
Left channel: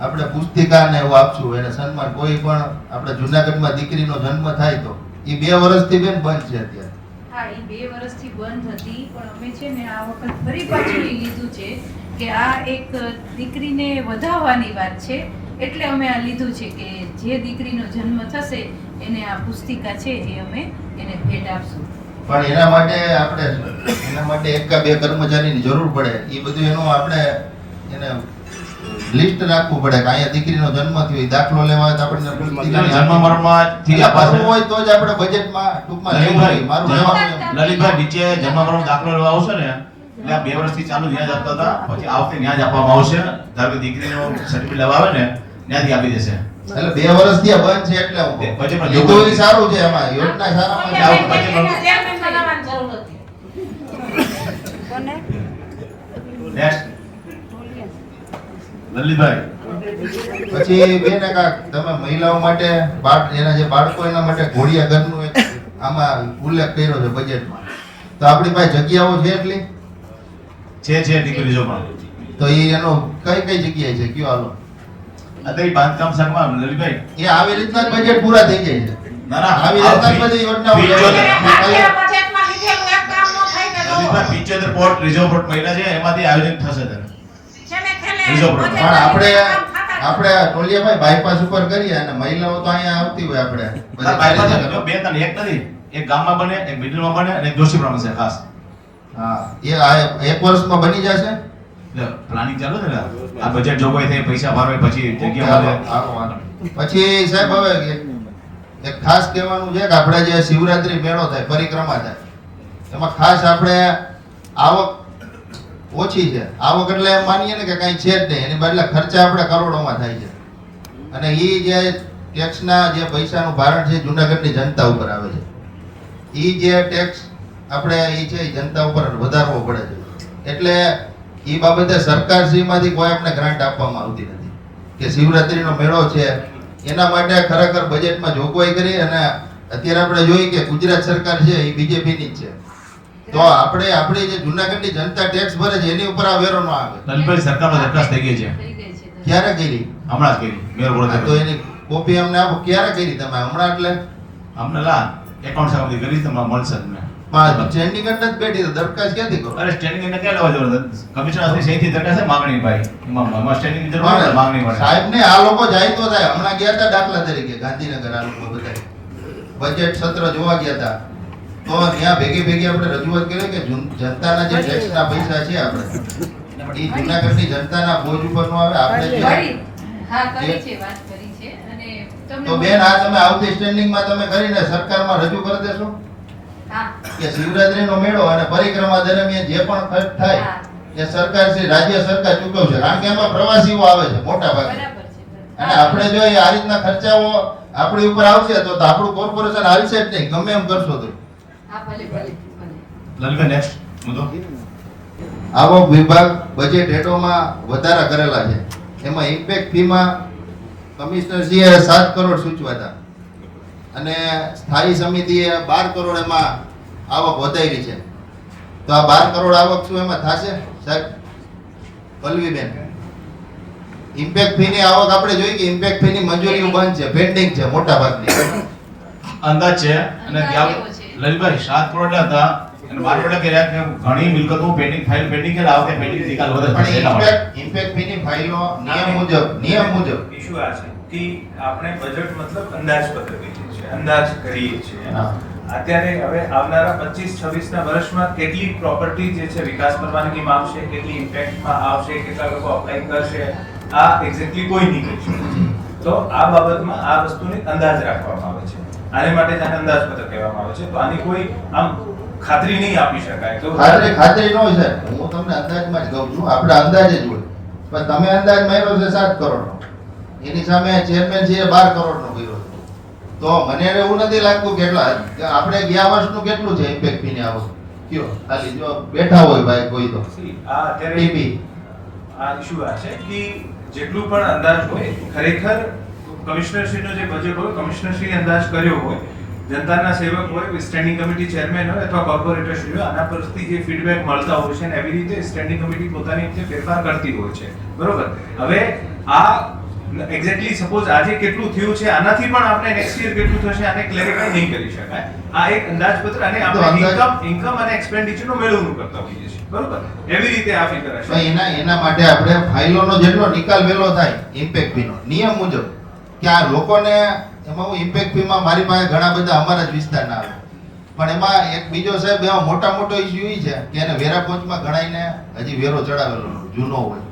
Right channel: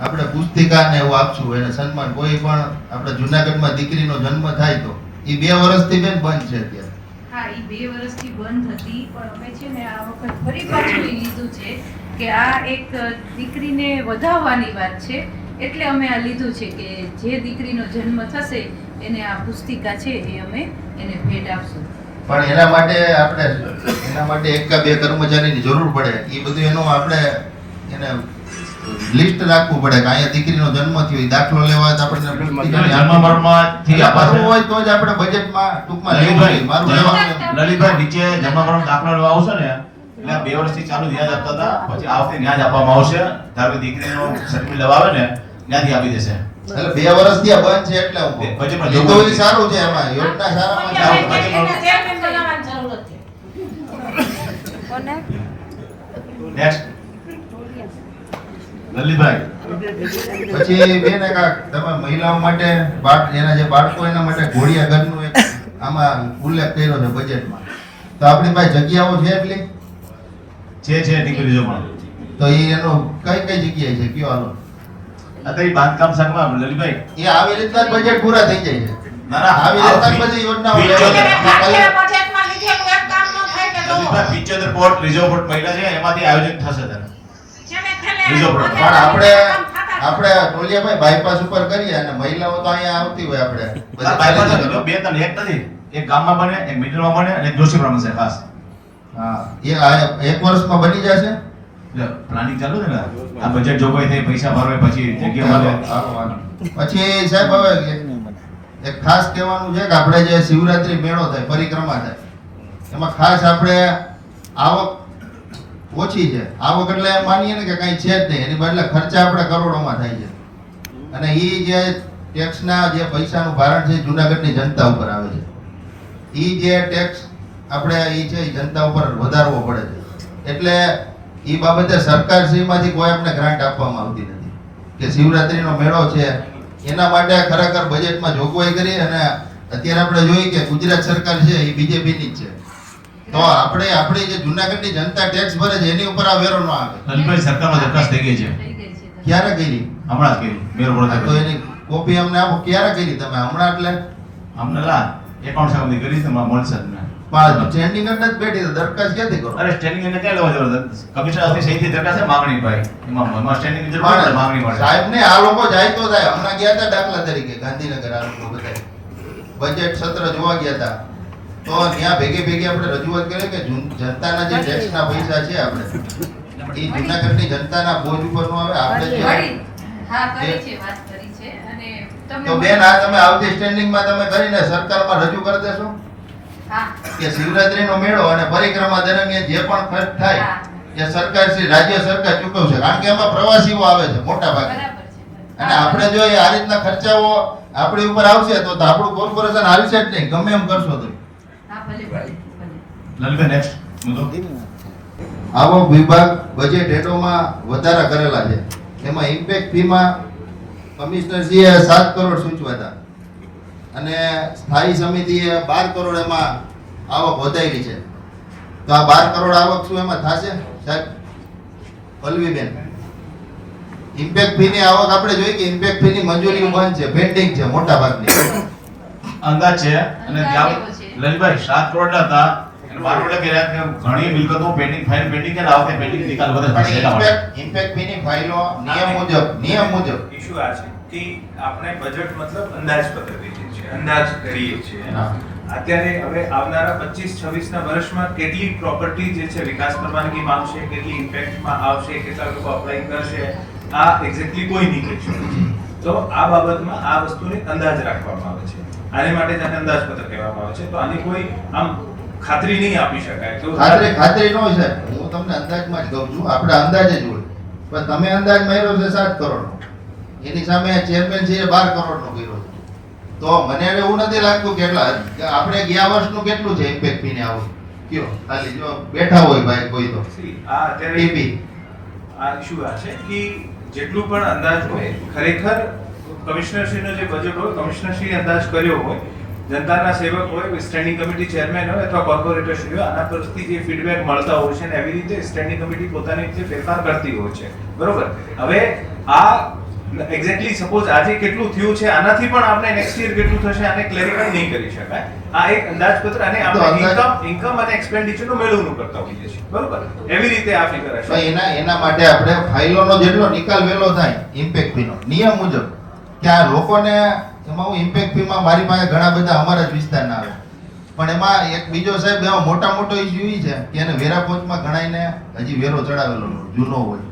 આપણે પુસ્તિકા ને એવું આપશું, એને સન્માન. કોઈ પણ આપણે જુનાગઢમાં દીકરીનો જન્મ થાય તો એ 2 વર્ષથી બેન બંધ છે અત્યારે. હા, એ 2 વર્ષથી બંધ હતી, પણ અમે છે ને આ વખત ફરી પાછું એ લીધું છે કે આ એક દીકરીને વધાવવાની વાત છે, એટલે અમે આ લીધું છે કે જે દીકરીનો જન્મ થશે એને આ પુસ્તિકા છે એ અમે એને ભેટ આપશું. પણ એના માટે 1 કે 2 કર્મચારીની જરૂર પડે. એ બધું એનું આપણે એને લિસ્ટ રાખવું પડે કે અહીંયા દીકરીનો જન્મ થયો, એ દાખલો લેવા આપણે જન્મ મરણમાંથી આપવાનું હોય તો જ આપણે બજેટમાં ટૂંકમાં લેવું. મારું કહેવાનું લલિતભાઈ નીચે જન્મ મરણ દાખલો લેવા આવશે ને એટલે 2 વર્ષથી ચાલુ ત્યાં જ આપતા હતા, પછી આ વખતે ત્યાં જ આપવામાં આવશે. ધારો કે દીકરીનો સર્ટિફિકેટ લેવા આવે ને ત્યાંથી આપી દેશે. એટલે 2 વર્ષથી આ બંધ છે એટલે બજેટમાં એ તો એ સારું છે. એમાં યોજના સારામાં નેક્સ્ટ લલિતભાઈ. પછી બેન તમે મહિલાઓ માટે એના જે બાળકો એના માટે ઘોડિયા ઘરનું એક આમાં ઉલ્લેખ કર્યો છે બજેટમાં. તો આપણી પાસે જગ્યાઓ છે એટલી છે દીકરીઓ પણ. તો એ એનો કઈ જગ્યાએ છે કયો હાલો અત્યારે બાંધકામ શાખામાં લલિતભાઈ એ આવી રીતના જ બજેટ પૂરા થઈ જાય છે. ના ના આવી રીતના જ બધી યોજનાઓ બજેટમાં લીધેલું એક કામ ન થાય કે જો લલિતભાઈ 75 પોર્ટ રિઝર્વ પોર્ટ મહિલા છે એમાંથી આયોજન થશે ત્યારે. પણ આપણે ટોલિયાભાઈ બાયપાસ ઉપર કરીએ અને મહિલાઓ તો અહીંયા આવતી હોય આપણે આ બાયપાસ જો 2 3 એક નથી, એક ગામમાં બને, એક મિડલમાં બને અને એક જોશીપુરામાં છે ખાસ. હા, એ આ 1 વર્ષમાં બની જશે. પ્લાનિંગ ચાલુ છે ને આ બજેટ જોગવાઈ થઈ, પૈસા ભરવાય પછી જગ્યા મળે. પછી સાહેબ હવે એક ખાસ કહેવાનું છે કે આપણે જે શિવરાત્રી મેળો થાય, પરિક્રમા થાય, એમાં ખાસ આપણે આવક ઓછી છે. આવક એટલે એમ માનીએ ને કે કઈ છે જ નહીં, એની બદલે ખર્ચા આપણે કરોડોમાં થાય છે. અને એ જે ટેક્સના જે પૈસાનું ભારણ છે જુનાગઢની જનતા ઉપર આવે છે. એ જે ટેક્સ આપણે એ છે એ જનતા ઉપર વધારવો પડે છે. એટલે એ બાબતે સરકારશ્રીમાંથી કોઈ આપણે ગ્રાન્ટ આપવામાં આવતી નથી કે શિવરાત્રીનો મેળો છે એના માટે ખરેખર બજેટમાં જોગવાઈ કરી. અને અત્યારે આપણે જોઈએ કે ગુજરાત સરકાર છે એ બીજેપીની જ છે, તો આપણે આપણી જે જુનાગઢની જનતા ટેક્સ ભરે છે એની ઉપર આ વેરો ન આવે. લલિતભાઈ સરકારનો દરખાસ્ત થઈ ગઈ છે, ક્યારે કરી? હમણાં જ કરી મેયર બોર્ડ. તો એની કોપી અમને આપો. ક્યારે કરી તમે? હમણાં એટલે અમને એકાઉન્ટ શાખામાંથી કરી તમને મળશે તમને. સ્ટેન્ડિંગ જ નથી બેઠી તો દરખાસ્ત ક્યાંથી કરો? અરે સ્ટેન્ડિંગ ને ક્યાં લેવા જવાનું? કમિશનર શ્રી સહીથી દરખાસ્ત છે માંગણી ભાઈ, એમાં સ્ટેન્ડિંગ જરૂર પડે માંગણી મળે. સાહેબ ને આ લોકો જાય તો થાય. હમણાં ગયા હતા દાખલા તરીકે ગાંધીનગર, આ લોકો બધા બજેટ સત્ર જોવા ગયા હતા તો ત્યાં ભેગી આપણે રજૂઆત કરી કે જનતાના જે ટેક્સના પૈસા છે આપણે એ જુનાગઢની જનતાના બોજ ઉપર નો આવે. આપણે હા, કરી છે, વાત કરી છે. અને તમને તો બેન આ તમે આવતી સ્ટેન્ડિંગમાં તમે કરીને સરકારમાં રજૂ કરી દેશો હા કે શિવરાત્રીનો મેળો અને પરિક્રમા દરમિયાન જે પણ ખર્ચ થાય એ સરકાર શ્રી રાજ્ય સરકાર ચૂકવશે. કારણ કે એમાં પ્રવાસીઓ આવે છે મોટા ભાગે, બરાબર છે. અને આપણે જો આ રીતના ખર્ચાઓ આપણી ઉપર આવશે તો આપણું કોર્પોરેશન હાલશે જ નહીં, ગમે એમ કરશો તો. હા, ભલે ભલે ભલે. લલિતભાઈ નેક્સ્ટ મુદ્દો. આવક વિભાગ બજેટ હેઠળમાં વધારા કરેલા છે. એમાં ઇમ્પેક્ટ ફીમાં કમિશનરશ્રીએ 7 કરોડ સૂચવ્યા હતા અને સ્થાયી સમિતિએ 12 કરોડ એમાં આવક વધારી છે. તો આ 12 કરોડ આવક શું એમાં થશે સાહેબ? પલ્લવીબેન, ઇમ્પેક્ટ ફીની આવક આપણે જોઈએ કે ઇમ્પેક્ટ ફીની મંજૂરીઓ બંધ છે, પેન્ડિંગ છે મોટા ભાગની. અંદાજ છે અને અંદાજ ત્યાં એવો છે. લલિતભાઈ 7 કરોડ હતા અને મારું એટલે કે ઘણી મિલકતો પેન્ડિંગ ફાઇલ પેન્ડિંગ કે આવતે પેન્ડિંગ નિકાલ વધે છે એટલા માટે. ઇમ્પેક્ટ ફીની ફાઇલો નિયમ મુજબ ઇશ્યુ આ છે કે આપણે બજેટ મતલબ અંદાજપત્ર કરીએ છીએ, અંદાજ કરીએ છીએ. અત્યારે હવે આવનારા 25-26 ના વર્ષમાં કેટલી પ્રોપર્ટી જે છે વિકાસ પરવાનગી માંગશે, કેટલી ઇમ્પેક્ટમાં આવશે, કેટલા લોકો અપ્લાય કરશે, આ એક્ઝેક્ટલી કોઈ નહીં કહી શકે. તો આ બાબતમાં આ વસ્તુને અંદાજ રાખવામાં આવે છે. આને માટે જ આને અંદાજપત્ર કહેવામાં આવે છે. તો આની કોઈ આમ ખાતરી નહીં આપી શકાય તો ખાતરી નો છે. હું તમને અંદાજમાં જ કહું છું, આપણે અંદાજ જ હોય. પણ તમે અંદાજ માર્યો છે 7 કરોડનો, એની સામે ચેરમેન છે 12 કરોડનો કર્યો છે. તો મને એવું નથી લાગતું કેટલા આપણે ગયા વર્ષનું કેટલું છે ઇમ્પેક્ટ ફીને આવું કયો ખાલી જો બેઠા હોય ભાઈ કોઈ તો આ અત્યારે ટીપી આ ઇશ્યુ આ છે કે જેટલું પણ અંદાજ હોય ખરેખર કમિશનરશ્રીનો જે બજેટ હોય કમિશનરશ્રી અંદાજ કર્યો હોય, જનતાના સેવક હોય, સ્ટેન્ડિંગ કમિટી ચેરમેન હોય અથવા કોર્પોરેટરશ્રી હોય, આના પરથી જે ફીડબેક મળતા હોય છે ને એવી રીતે સ્ટેન્ડિંગ કમિટી પોતાની રીતે ફેરફાર કરતી હોય છે. બરોબર. હવે આ એક્ઝેક્ટલી સપોઝ આજે કેટલું થયું છે આનાથી પણ આપણે નેક્સ્ટ યર કેટલું થશે આને ક્લેરિફાઈ નહીં કરી શકાય. આ એક અંદાજપત્ર અને આપણે ઇન્કમ અને એક્સપેન્ડિચરનું મેળવણું કરતા હોઈએ છીએ. બરોબર. એવી રીતે આ ફિગર હશે. એના માટે આપણે ફાઇલોનો જેટલો નિકાલ વહેલો થાય ઇમ્પેક્ટ ફીનો નિયમ મુજબ કે આ લોકોને એમાં હું ઇમ્પેક્ટ ફીમાં મારી પાસે ઘણા બધા અમારા જ વિસ્તારના આવે, પણ એમાં એક બીજો સાહેબ એમાં મોટો ઇશ્યુ એ છે કે એને વેરા પહોંચમાં ઘણાઈને હજી વેરો ચડાવેલો જૂનો હોય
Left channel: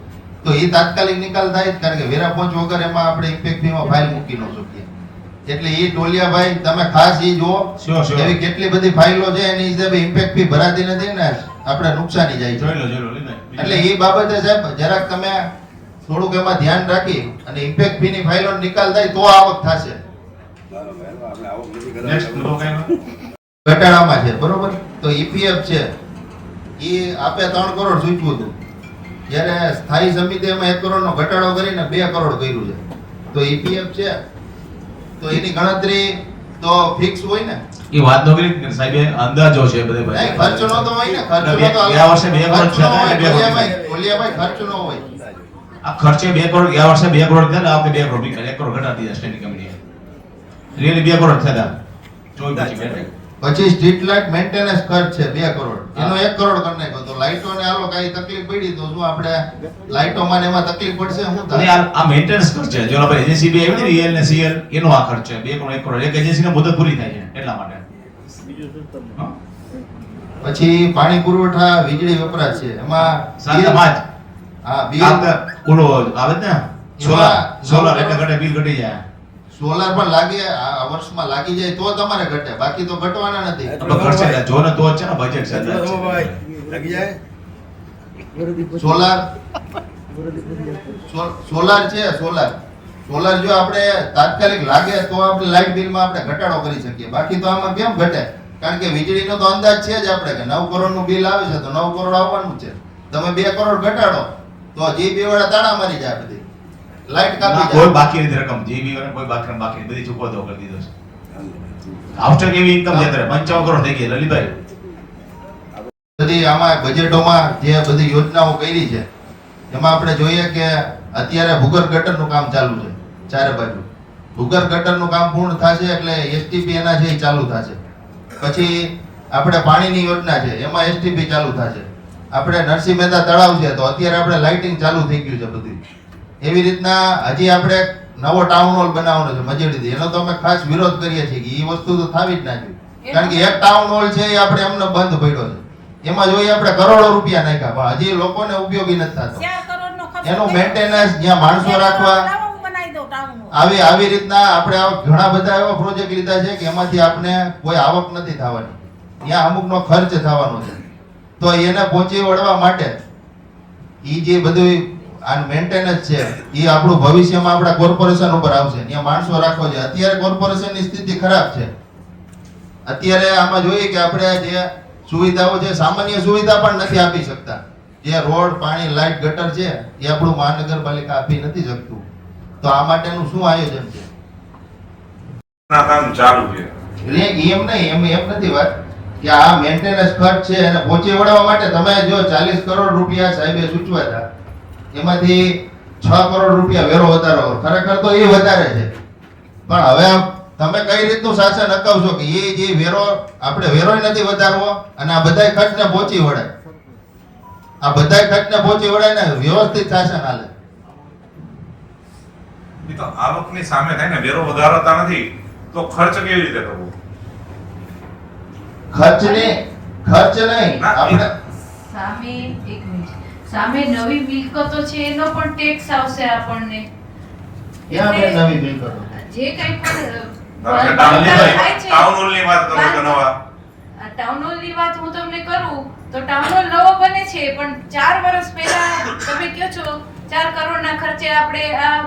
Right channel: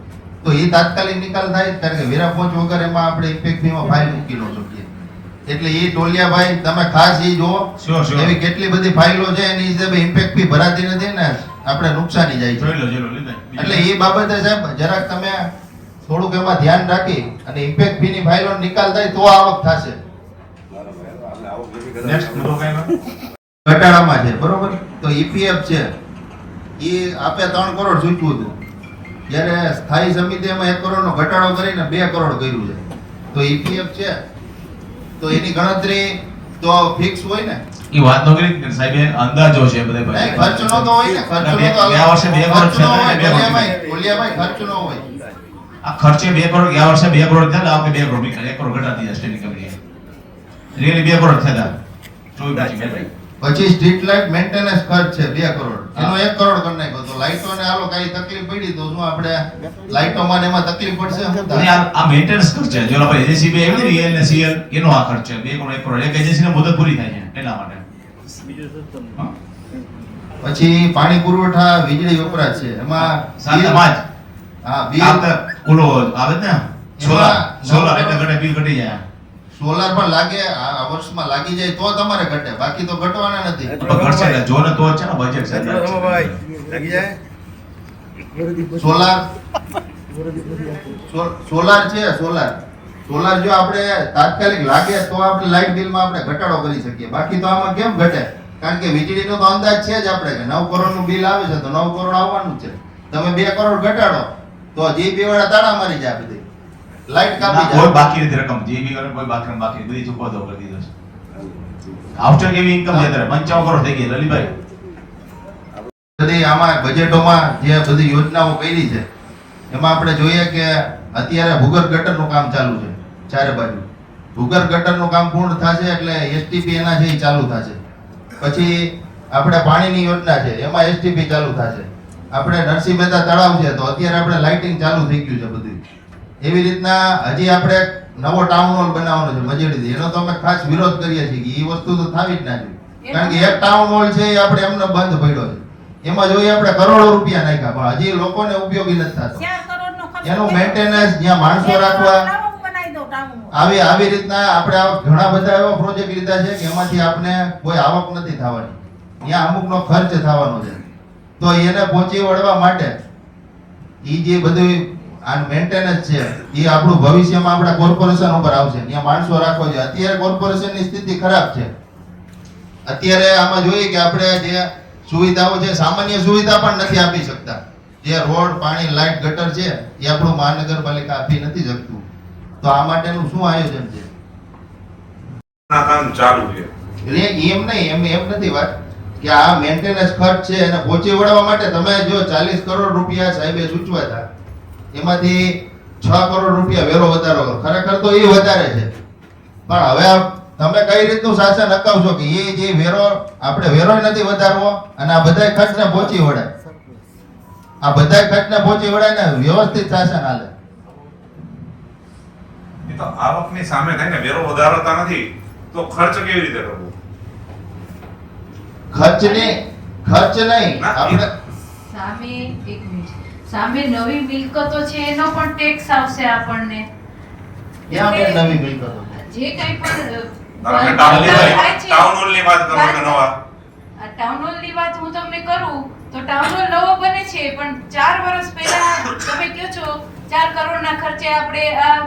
તો એ તાત્કાલિક નિકાલ થાય, કારણ કે વેરા પહોંચ વગર એમાં આપણે ઇમ્પેક્ટ ફીમાં ફાઇલ મૂકી ન શકીએ. એટલે એ ટોલિયાભાઈ તમે ખાસ એ જુઓ, એવી કેટલી બધી ફાઇલો છે એની હિસાબે ઇમ્પેક્ટ ફી ભરાતી નથી ને આપણે નુકસાની જાય છે. એટલે એ બાબતે સાહેબ જરાક તમે થોડુંક એમાં ધ્યાન રાખી અને ઇમ્પેક્ટ ફી ની ફાઇલો નિકાલ થાય તો આવક થશે. ઘટાડામાં છે બરોબર. તો ઈપીએફ છે એ આપે 3 કરોડ સૂચવ્યું હતું, જ્યારે સ્થાયી સમિતિમાં 1 કરોડનો ઘટાડો કરીને 2 કરોડ કર્યું છે. તો ઈપીએફ છે તો એની ગણતરી તો ફિક્સ હોય ને. એ વાત નો કરી સાહેબ અંદાજો છે બધે નહીં, ખર્ચનો તો હોય ને, ખર્ચનો તો ગયા વર્ષે 2 કરોડ છે ને 2 કરોડ બોલિયાભાઈ ખર્ચનો હોય. આ ખર્ચે 2 કરોડ ગયા વર્ષે 2 કરોડ થયા ને આ 2 કરોડ નીકળ્યા 1 કરોડ ઘટાડી દીધા સ્ટેન્ડિંગ કમિટી રીઅલી 2 કરોડ થયા હતા. પછી સ્ટ્રીટ લાઇટ મેન્ટેનન્સ ખર્ચ છે 2 કરોડ, એનો 1 કરોડ કરી નાખ્યો. તો લાઇટો ને આલો કઈ તકલીફ પડી તો શું આપણે લાઇટો માં એમાં તકલીફ પડશે શું થાય? આ મેન્ટેનન્સ ખર્ચ છે, જો આપણે એજન્સી બે આવી ને રીએલ ને સીએલ એનો આ ખર્ચ છે 2 કરોડ 1 કરોડ. એક એજન્સી ની મુદત પૂરી થાય છે એટલા માટે. પછી પાણી પુરવઠા વીજળી વપરાશ છે એમાં સાતમાજ હા બિલ ઓલો આવે ને સોલાર એટલે ઘટે બિલ ઘટી જાય. સોલાર પણ લાગે આ વર્ષમાં લાગી જાય તો તમારે ઘટે, બાકી તો ઘટવાના નથી. ઘટશે જો ને તો જ છે ને બજેટ છે. સોલાર છે સોલાર જો આપણે તાત્કાલિક લાગે તો આપણે લાઇટ બિલમાં આપણે ઘટાડો કરી શકીએ, બાકી તો આમાં કેમ ઘટે? કારણ કે વીજળીનો તો અંદાજ છે જ આપણે કે 9 કરોડનું બિલ આવે છે તો 9 કરોડ આવવાનું છે. તમે 2 કરોડ ઘટાડો તો જીબી વાળા તાળા મારી જાય, બધી લાઇટ કાપી જાય. કોઈ બાકી નથી રકમ જીબી વાળા કોઈ બાકી બધી ચૂકવતો કરી દીધો છે. આફ્ટર એવી ઇન્કમ છે અત્યારે 55 કરોડ થઈ ગઈ લલિતભાઈ. બધી આમાં બજેટોમાં જે બધી યોજનાઓ કરી છે એમાં આપણે જોઈએ કે અત્યારે ભૂગર્ભ ગટરનું કામ ચાલુ છે ચારે બાજુ. ભૂગર્ભ ગટરનું કામ પૂર્ણ થશે એટલે એસટીપી એના છે એ ચાલુ થશે. પછી આપણે પાણીની યોજના છે એમાં એસટીપી ચાલુ થશે. આપણે નરસિંહ મહેતા તળાવ છે તો અત્યારે આપણે લાઇટિંગ ચાલુ થઈ ગયું છે બધું. એવી રીતના હજી આપણે નવો ટાઉન હોલ બનાવવાનો છે મજેડીથી, એનો તો અમે ખાસ વિરોધ કરીએ છીએ કે એ વસ્તુ તો થવી જ ના જોઈએ. કારણ કે એક ટાઉન હોલ છે એ આપણે એમને બંધ પડ્યો છે, એમાં જોઈએ આપણે કરોડો રૂપિયા નાખ્યા પણ હજી લોકોને ઉપયોગી નથી થતો. એનું મેન્ટેનન્સ જ્યાં માણસો રાખવા આવી રીતના આપણે ઘણા બધા એવા પ્રોજેક્ટ લીધા છે કે એમાંથી આપણે કોઈ આવક નથી થવાની, ત્યાં અમુકનો ખર્ચ થવાનો છે. તો એને પહોંચી વળવા માટે એ જે બધું આ મેન્ટેનન્સ છે એ આપણું ભવિષ્યમાં આપણા કોર્પોરેશન ઉપર આવશે, ત્યાં માણસો રાખવો છે. અત્યારે કોર્પોરેશનની સ્થિતિ ખરાબ છે. અત્યારે આમાં જોઈએ કે આપણે જે સુવિધાઓ છે સામાન્ય સુવિધા પણ નથી આપી શકતા. જે રોડ પાણી લાઇટ ગટર છે એ આપણું મહાનગરપાલિકા આપી નથી શકતું. તો આ માટેનું શું આયોજન છે? કામ ચાલુ છે એમ નહીં, એમ નથી વાત કે આ મેન્ટેનન્સ ખર્ચ છે એને પહોંચી વળવા માટે તમે જો 40 કરોડ રૂપિયા સાહેબે સૂચવ્યા હતા એમાંથી 6 કરોડ રૂપિયા વેરો વધારો, ખરેખર તો એ વધારે છે. પણ હવે તમે કઈ રીતનું શાસન અકાવશો કે એ જે વેરો આપણે વેરો નથી વધારવો અને આ બધાય ખર્ચને પહોંચી વળાય, આ બધાય ખર્ચને પહોંચી વળાય ને વ્યવસ્થિત શાસન હાલે. એ તો આવકની સામે થાય ને, વેરો વધારતા નથી તો ખર્ચ કેવી રીતે કરવો? ખર્ચ નહીં આપણે સામે એક મિનિટ, સામે નવી મિલકતો છે એનો પણ ટેક્સ આવશે આપણને. ક્યાં આપણે નવી બિલ કરો જે કંઈ પણ ટાઉન હોલની વાત કરો તો નવા ટાઉન હોલની વાત હું તમને કરું તો ટાઉન હોલ નવો બને છે, પણ 4 વર્ષ પહેલા તમે કહો છો 4 કરોડના ખર્ચે આપણે આ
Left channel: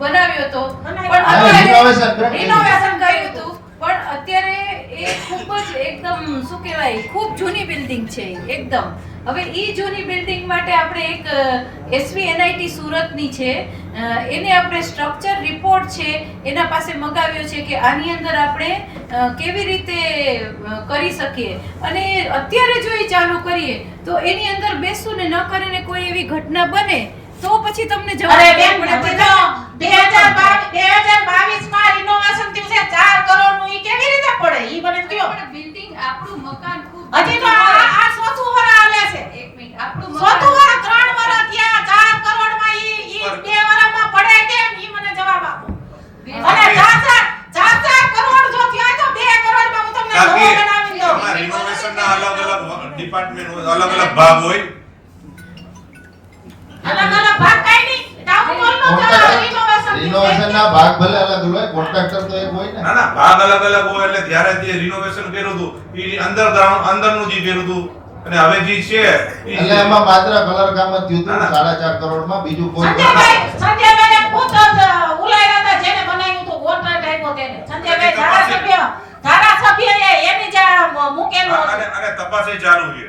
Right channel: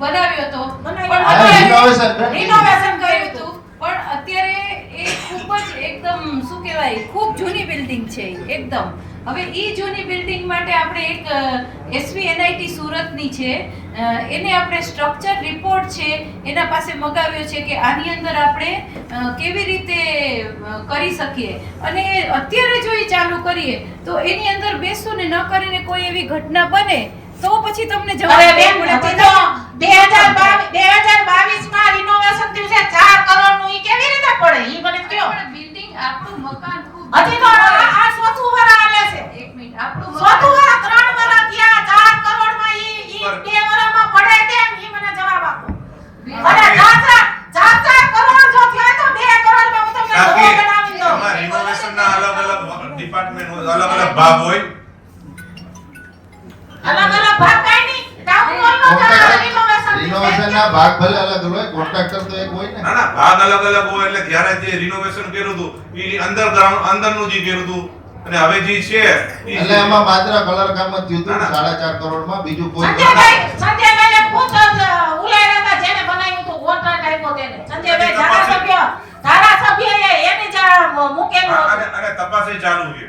બનાવ્યો હતો, પણ અત્યારે રિનોવેશન કર્યું હતું, પણ અત્યારે એ ખૂબ જ એકદમ શું કહેવાય, ખૂબ જૂની બિલ્ડિંગ છે એકદમ. હવે ઈ જૂની બિલ્ડિંગ માટે આપણે એક SVNIT સુરતની છે, એને આપણે સ્ટ્રક્ચર રિપોર્ટ છે એના પાસે મગાવ્યો છે કે આની અંદર આપણે કેવી રીતે કરી શકીએ, અને અત્યારે જો એ ચાલુ કરીએ તો એની અંદર બેસું ને ન કરીને કોઈ એવી ઘટના બને તો પછી તમને જવાબ બેન 2022 માં રિનોવેશન થયું છે 4 કરોડ નું, ઈ કેવી રીતે પડે ઈ મને કયો. બિલ્ડિંગ આપણું મકાન ખૂબ હજી તો આ ચોથું વરસ હાલે છે. એક મિનિટ, આપણું ચોથું વરસ 3 વરસ ત્યાં 4 કરોડ માં ઈ 2 વરસમાં પડે કેમ ઈ મને જવાબ આપો. અને 4 કરોડ જો થયા તો 2 કરોડ માં હું તમને નવો બનાવી દઉં. એમાં રિનોવેશનના અલગ ડિપાર્ટમેન્ટ અલગ ભાગ હોય. અલગ ભાગ કાઈ નહીં, ટાઉન હોલનો રિનોવેશન ના ભાગ ભલે અલગ હોય, કોન્ટ્રાક્ટર તો એક હોય ને. ના ભાગ અલગ હોય, એટલે ત્યારે જે રિનોવેશન કર્યું હતું એ અંડરગ્રાઉન્ડ અંદરનું જે કર્યું હતું, અને હવે જે છે એટલે એમાં માત્ર કલર કામ જ થયું હતું 4.5 કરોડ માં, બીજું કોઈ સંજયભાઈ પૂછ ઉલાયરા હતા જેને બનાવ્યું હતું કોન્ટ્રાક્ટ આપ્યો તેને. સંજયભાઈ ધારાસભ્ય એને જ મૂકેલું અને તપાસ ચાલુ છે.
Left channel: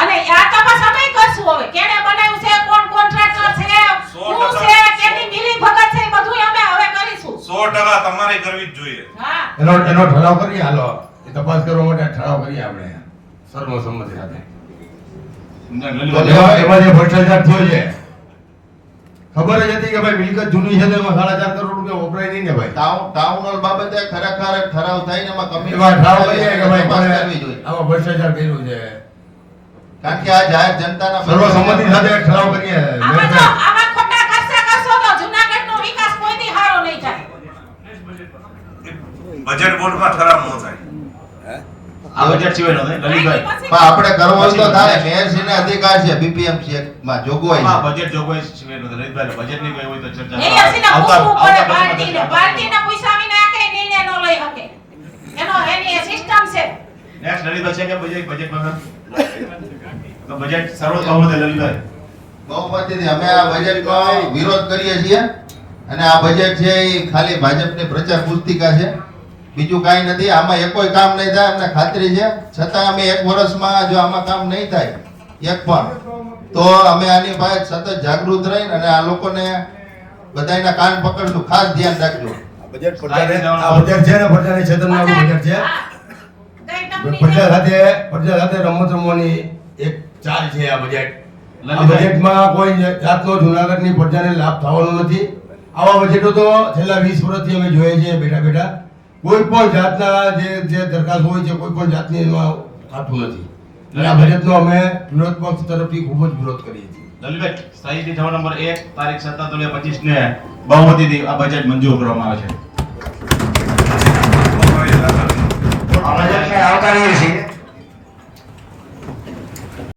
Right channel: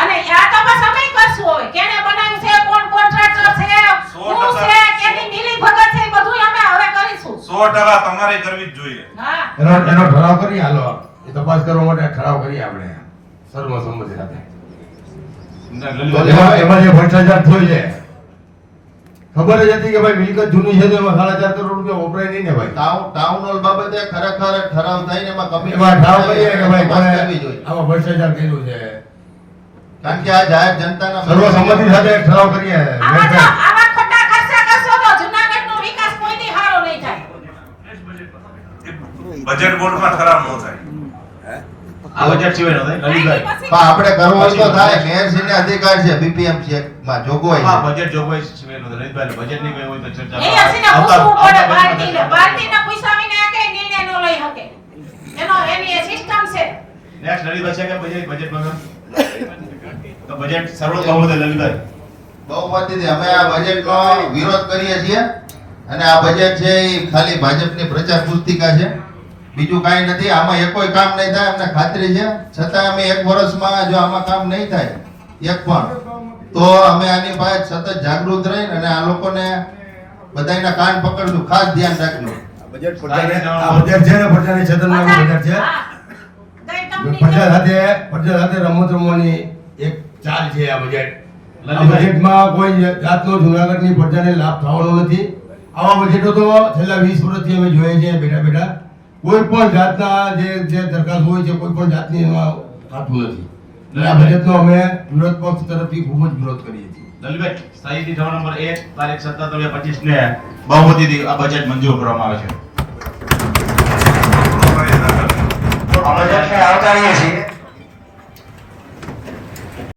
અને આ તપાસ અમે કરશું. હવે કેને બનાવ્યું છે, કોણ કોન્ટ્રાક્ટર છે, શું છે, કેની મિલી ભગત છે, બધું અમે હવે કરીશું. 100% તમારે કરવી જ જોઈએ. હા, એનો ઠરાવ કરીએ. હાલો એ તપાસ કરવા માટે ઠરાવ કરીએ આપણે સર્વસંમતિ સાથે. એમાં જે ભ્રષ્ટાચાર થયો છે ખબર જ હતી કે ભાઈ મિલકત જૂની છે તો એમાં 4.5 કરોડ રૂપિયા વપરાય નહીં ને ભાઈ. ટાઉન હોલ બાબતે ખરેખર ઠરાવ થઈને એમાં કમિટી એમાં ઠરાવ કરીએ કે ભાઈ તપાસ કોણે કરવી જોઈએ. આમાં ભ્રષ્ટાચાર કર્યું છે, કારણ કે આ જાહેર જનતાના સર્વસંમતિ સાથે ઠરાવ કરીએ. આવા ખોટા ખર્ચા કરશો તો જૂનાગઢનો વિકાસ કોઈથી સારો નહીં થાય. બજેટ બોર્ડમાં ઠરાવ ન થાય. આ બજેટ સિવાય ન થાય લલિતભાઈ. પણ આપણે કરવો હોય તો થાય. મેયરશ્રીને અધિકાર છે BPMC માં જોગવાઈ હા છે. બજેટ જોગવાઈ સિવાય ન થાય લલિતભાઈ. બજેટ ની કોઈ હોય તો ચર્ચા નહીં હસીને પૂછવું પડે પાર્ટીને પૂછ્યા વિના કે નિર્ણય ન લઈ શકે. એની સિસ્ટમ છે. નેક્સ્ટ લલિતભાઈ છે કે બજેટ વગર તો બજેટ સર્વસંમતિ લલિતભાઈ. બહુમતીથી અમે આ બજેટનો વિરોધ કરીએ છીએ, અને આ બજેટ છે એ ખાલી ભાજપની પ્રચાર પુસ્તિકા છે, બીજું કાંઈ નથી. આમાં એકોય કામ નહીં થાય અમને ખાતરી છે. છતાં અમે 1 વર્ષમાં જો આમાં કામ નહીં થાય એક પણ, તો અમે આની પાસે સતત જાગૃત રહીને અને આ લોકોને બધાયના કાન પકડશું. ખાસ ધ્યાન રાખજો. બજેટ છે ને પ્રજાની છેતરવાનું બજેટ છે. પ્રજા સાથે રમત રમવાની એક ચાલ છે આ બજેટ. આ બજેટમાં કોઈ જાતનો જૂનાગઢની પ્રજાને લાભ થવાનો નથી. આવા બજેટો તો છેલ્લા 20 વર્ષથી અમે જોઈએ છે બેઠા કોઈ પણ જાતના જે દરખાસ્ત હોય છે કોઈ પણ જાતની એમાં થતું નથી. એટલે આ બજેટનો અમે વિરોધ પક્ષ તરફથી ખૂબ જ વિરોધ કરીએ છીએ. લલિતભાઈ સ્થાયી ઠરાવ નંબર 1 તારીખ 17/25 ને બહુમતીથી આ બજેટ મંજૂર કરવામાં આવે છે. આ બજેટને આવકારીએ છીએ.